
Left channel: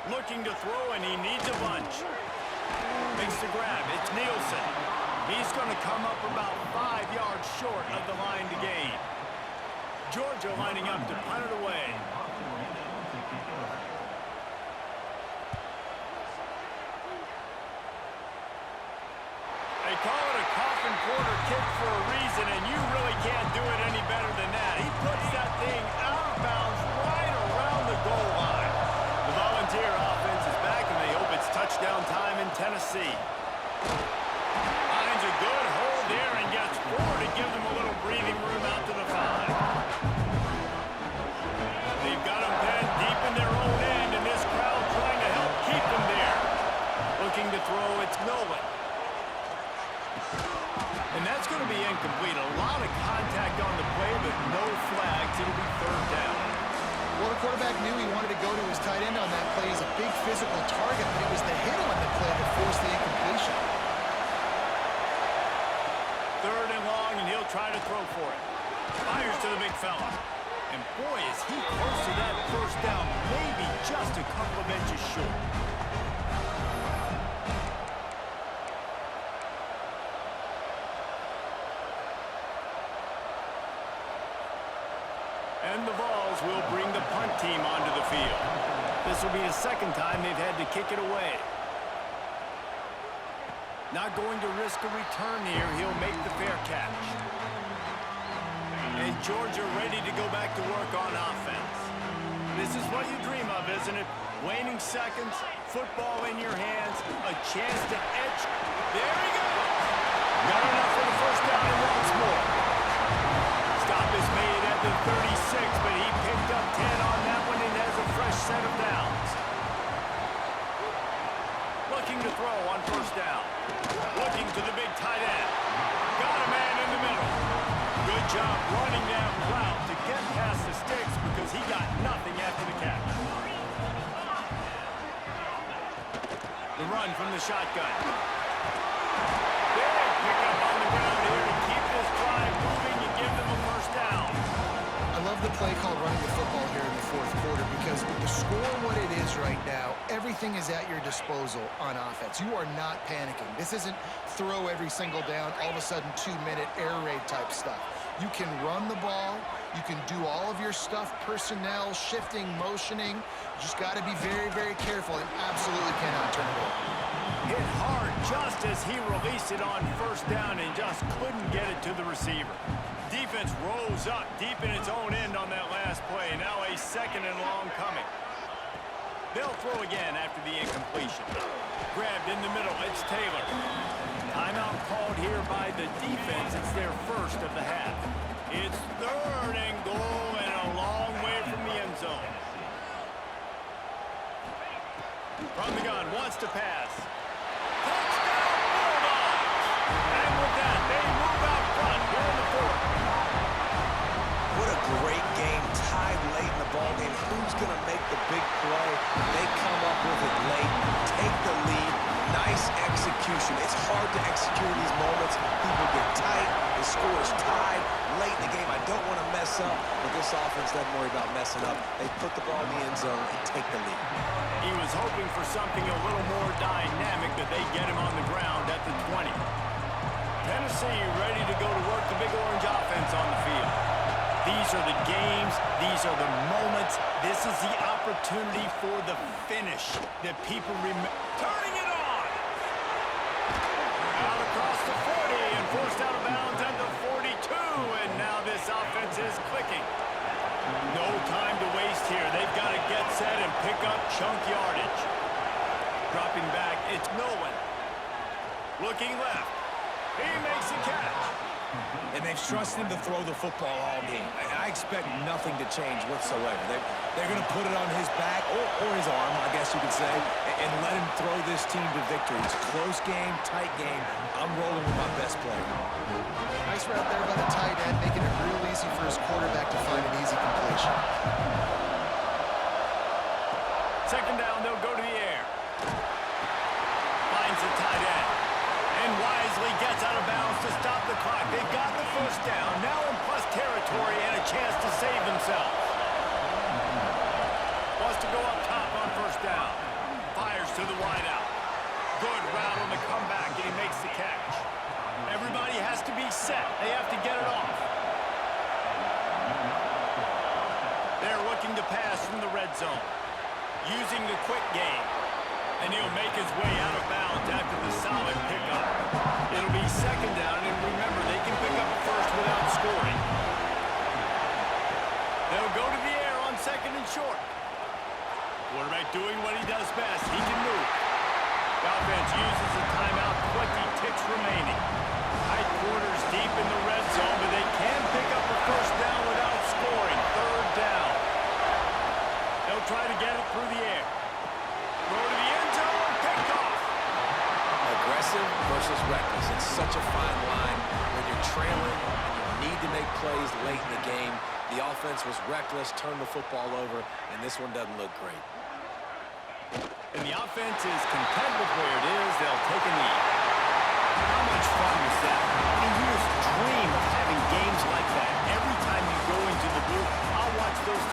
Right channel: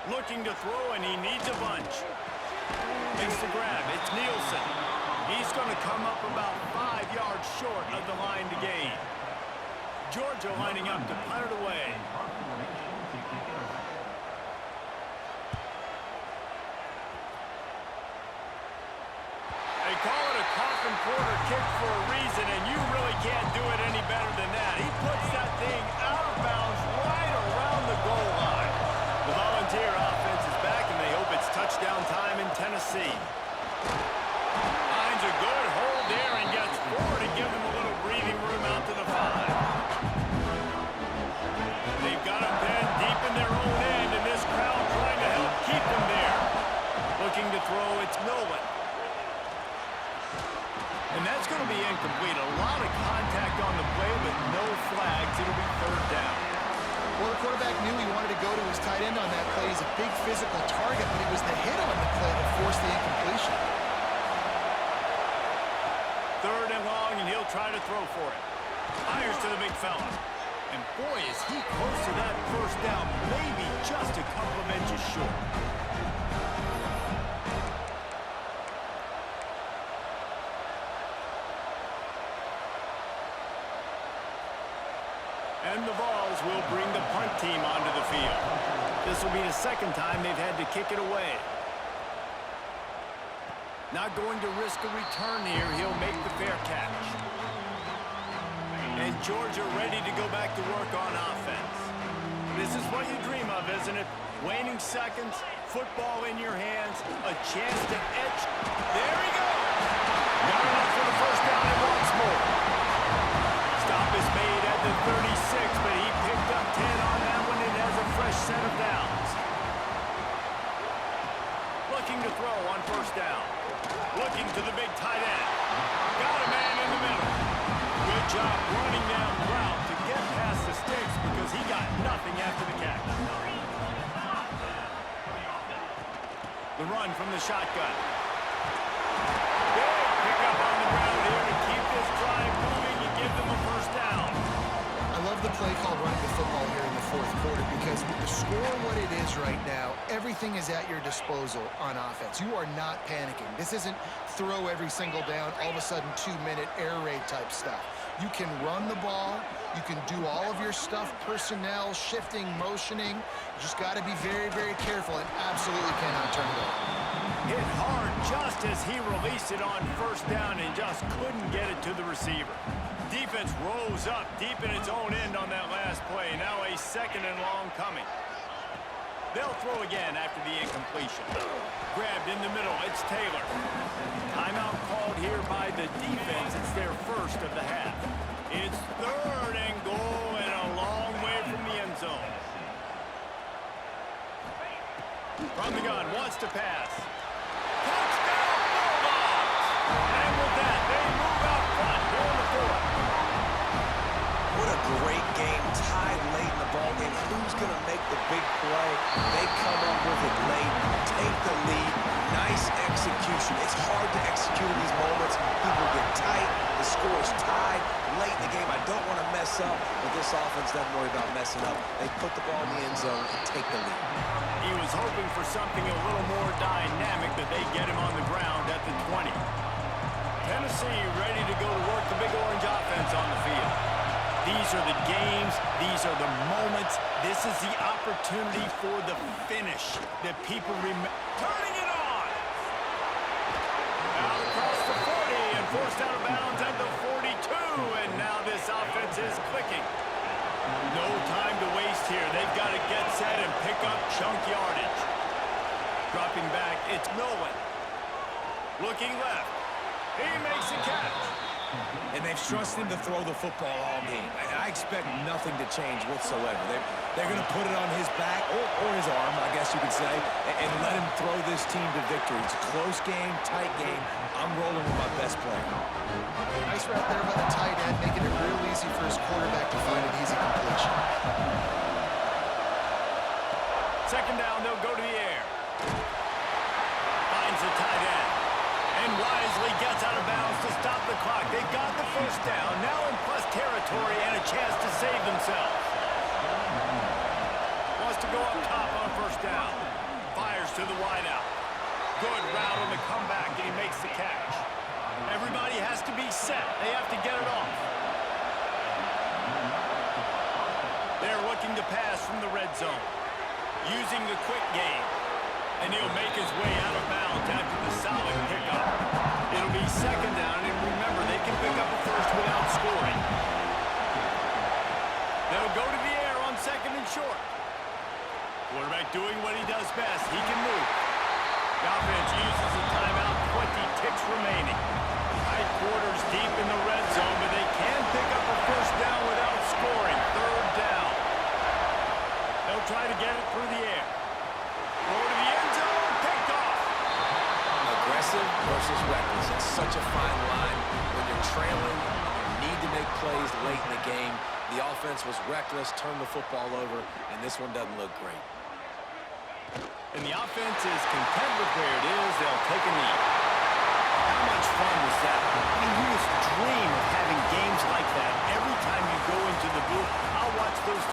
Looking to throw, and he needs a bunch. Makes the grab. It's Nielsen. He's going to come up about 5 yards short of the line to gain. Georgia lining up to punt it away. They call it a coffin quarter kick for a reason, and you really can't do it any better than that. He puts that thing out of bounds right around the goal line. The Volunteer offense is back, and they hope it's touchdown time in Tennessee. Finds a good hold there and throw. It's Nolan. And that's going to be incomplete. A lot of contact on the play, but no flags. It'll be third down. Well, the quarterback knew he wanted to go to his tight end on that play. He's a big physical target, but it was the hit on the play that forced the incompletion. Third and long, and he'll try to throw for it. Fires to the big fella. And boy, is he close to that first down, maybe just a couple of inches short. And the Vols will bring the punt team onto the field. This will be the second time they've had to kick it away. Not going to risk a return here. He'll make the fair catch. And Georgia ready to go back to work on offense. This is what you dream of, isn't it? Waning seconds, football in your hands, a chance to etch. There he goes. Got enough for the first down and wants more. Stop is made at the 36, but he picked up 10 on that one and has a fresh set of downs. Looking to throw on first down. Looking to the big tight end. Got a man in the middle. Good job running that route to get past the sticks because he got nothing after the catch. The run from the shotgun. Big pickup on the ground here to keep this drive moving and give them a first down. I love the play called running the football here in the fourth quarter because with the score what it is right now, everything is at your disposal on offense. You are not panicking. This isn't throw every single down, all of a sudden 2-minute air raid type stuff. You can run the ball. You can do all of your stuff, personnel, shifting, motioning. You just got to be very, very careful and absolutely cannot turn it over. Hit hard just as he released it on first down and just couldn't get it to the receiver. Defense rose up deep in its own end on that last play. Now a second and long coming. They'll throw again after the incompletion. Grabbed in the middle. It's Taylor. Timeout called here by the defense. It's their first of the half. It's third and goal and a long way from the end zone. From the gun, wants to pass. Touchdown, Bulldogs! And with that, they move out front here in the fourth. What a great game, tied late in the ballgame. Who's going to make the big play? They come up with it late, take the lead. Nice execution. It's hard to execute in these moments. People get tight. The score is tied late in the game. I don't want to mess up, but this offense doesn't worry about messing up. They put the ball in the end zone and take the lead. He was hoping for something a little more dynamic, but they get him on the ground at the 20. Tennessee ready to go to work the Big Orange offense on the field. These are the games. These are the moments. This is the opportunity for the finish that people remember. Turning it on. Out across the 40 and forced out of bounds at the 42. And now this offense is clicking. No time to waste here. They've got to get set and pick up chunk yardage. Dropping back, it's Nolan. Looking left. He makes a catch. And they've trusted him to throw the football all game. I expect nothing to change whatsoever. They're going to put it on his back, or his arm, I guess you could say, and let him throw this team to victory. It's a close game, tight game. I'm rolling with my best player. Nice route there by the tight end, making it real easy for his quarterback to find an easy completion. Second down, they'll go to the air. Finds the tight end. And wisely gets out of bounds to stop the clock. They've got the first down, now in plus territory and a chance to save themselves. Wants to go up top on first down. Fires to the wideout. Good route on the comeback, and he makes the catch. Everybody has to be set. They have to get it off. They're looking to pass from the red zone. Using the quick game. And he'll make his way out of bounds after the solid pickup. It'll be second down, and remember, they can pick up a first without scoring. They'll go to the air on second and short. Quarterback doing what he does best. He can move. The offense uses a timeout, 20 ticks remaining. Tight quarters deep in the red zone, but they can pick up a first down without scoring. Third down. They'll try to get it through the air. Throw to the end zone, picked off. aggressive versus reckless. It's such a fine line when you're trailing and you need to make plays late in the game. The offense was reckless, turned the football over, and this one doesn't look great. And the offense is content with where it is. They'll take a knee. How much fun was that? I mean, you just dream of having games like that every time you go into the booth. I'll watch those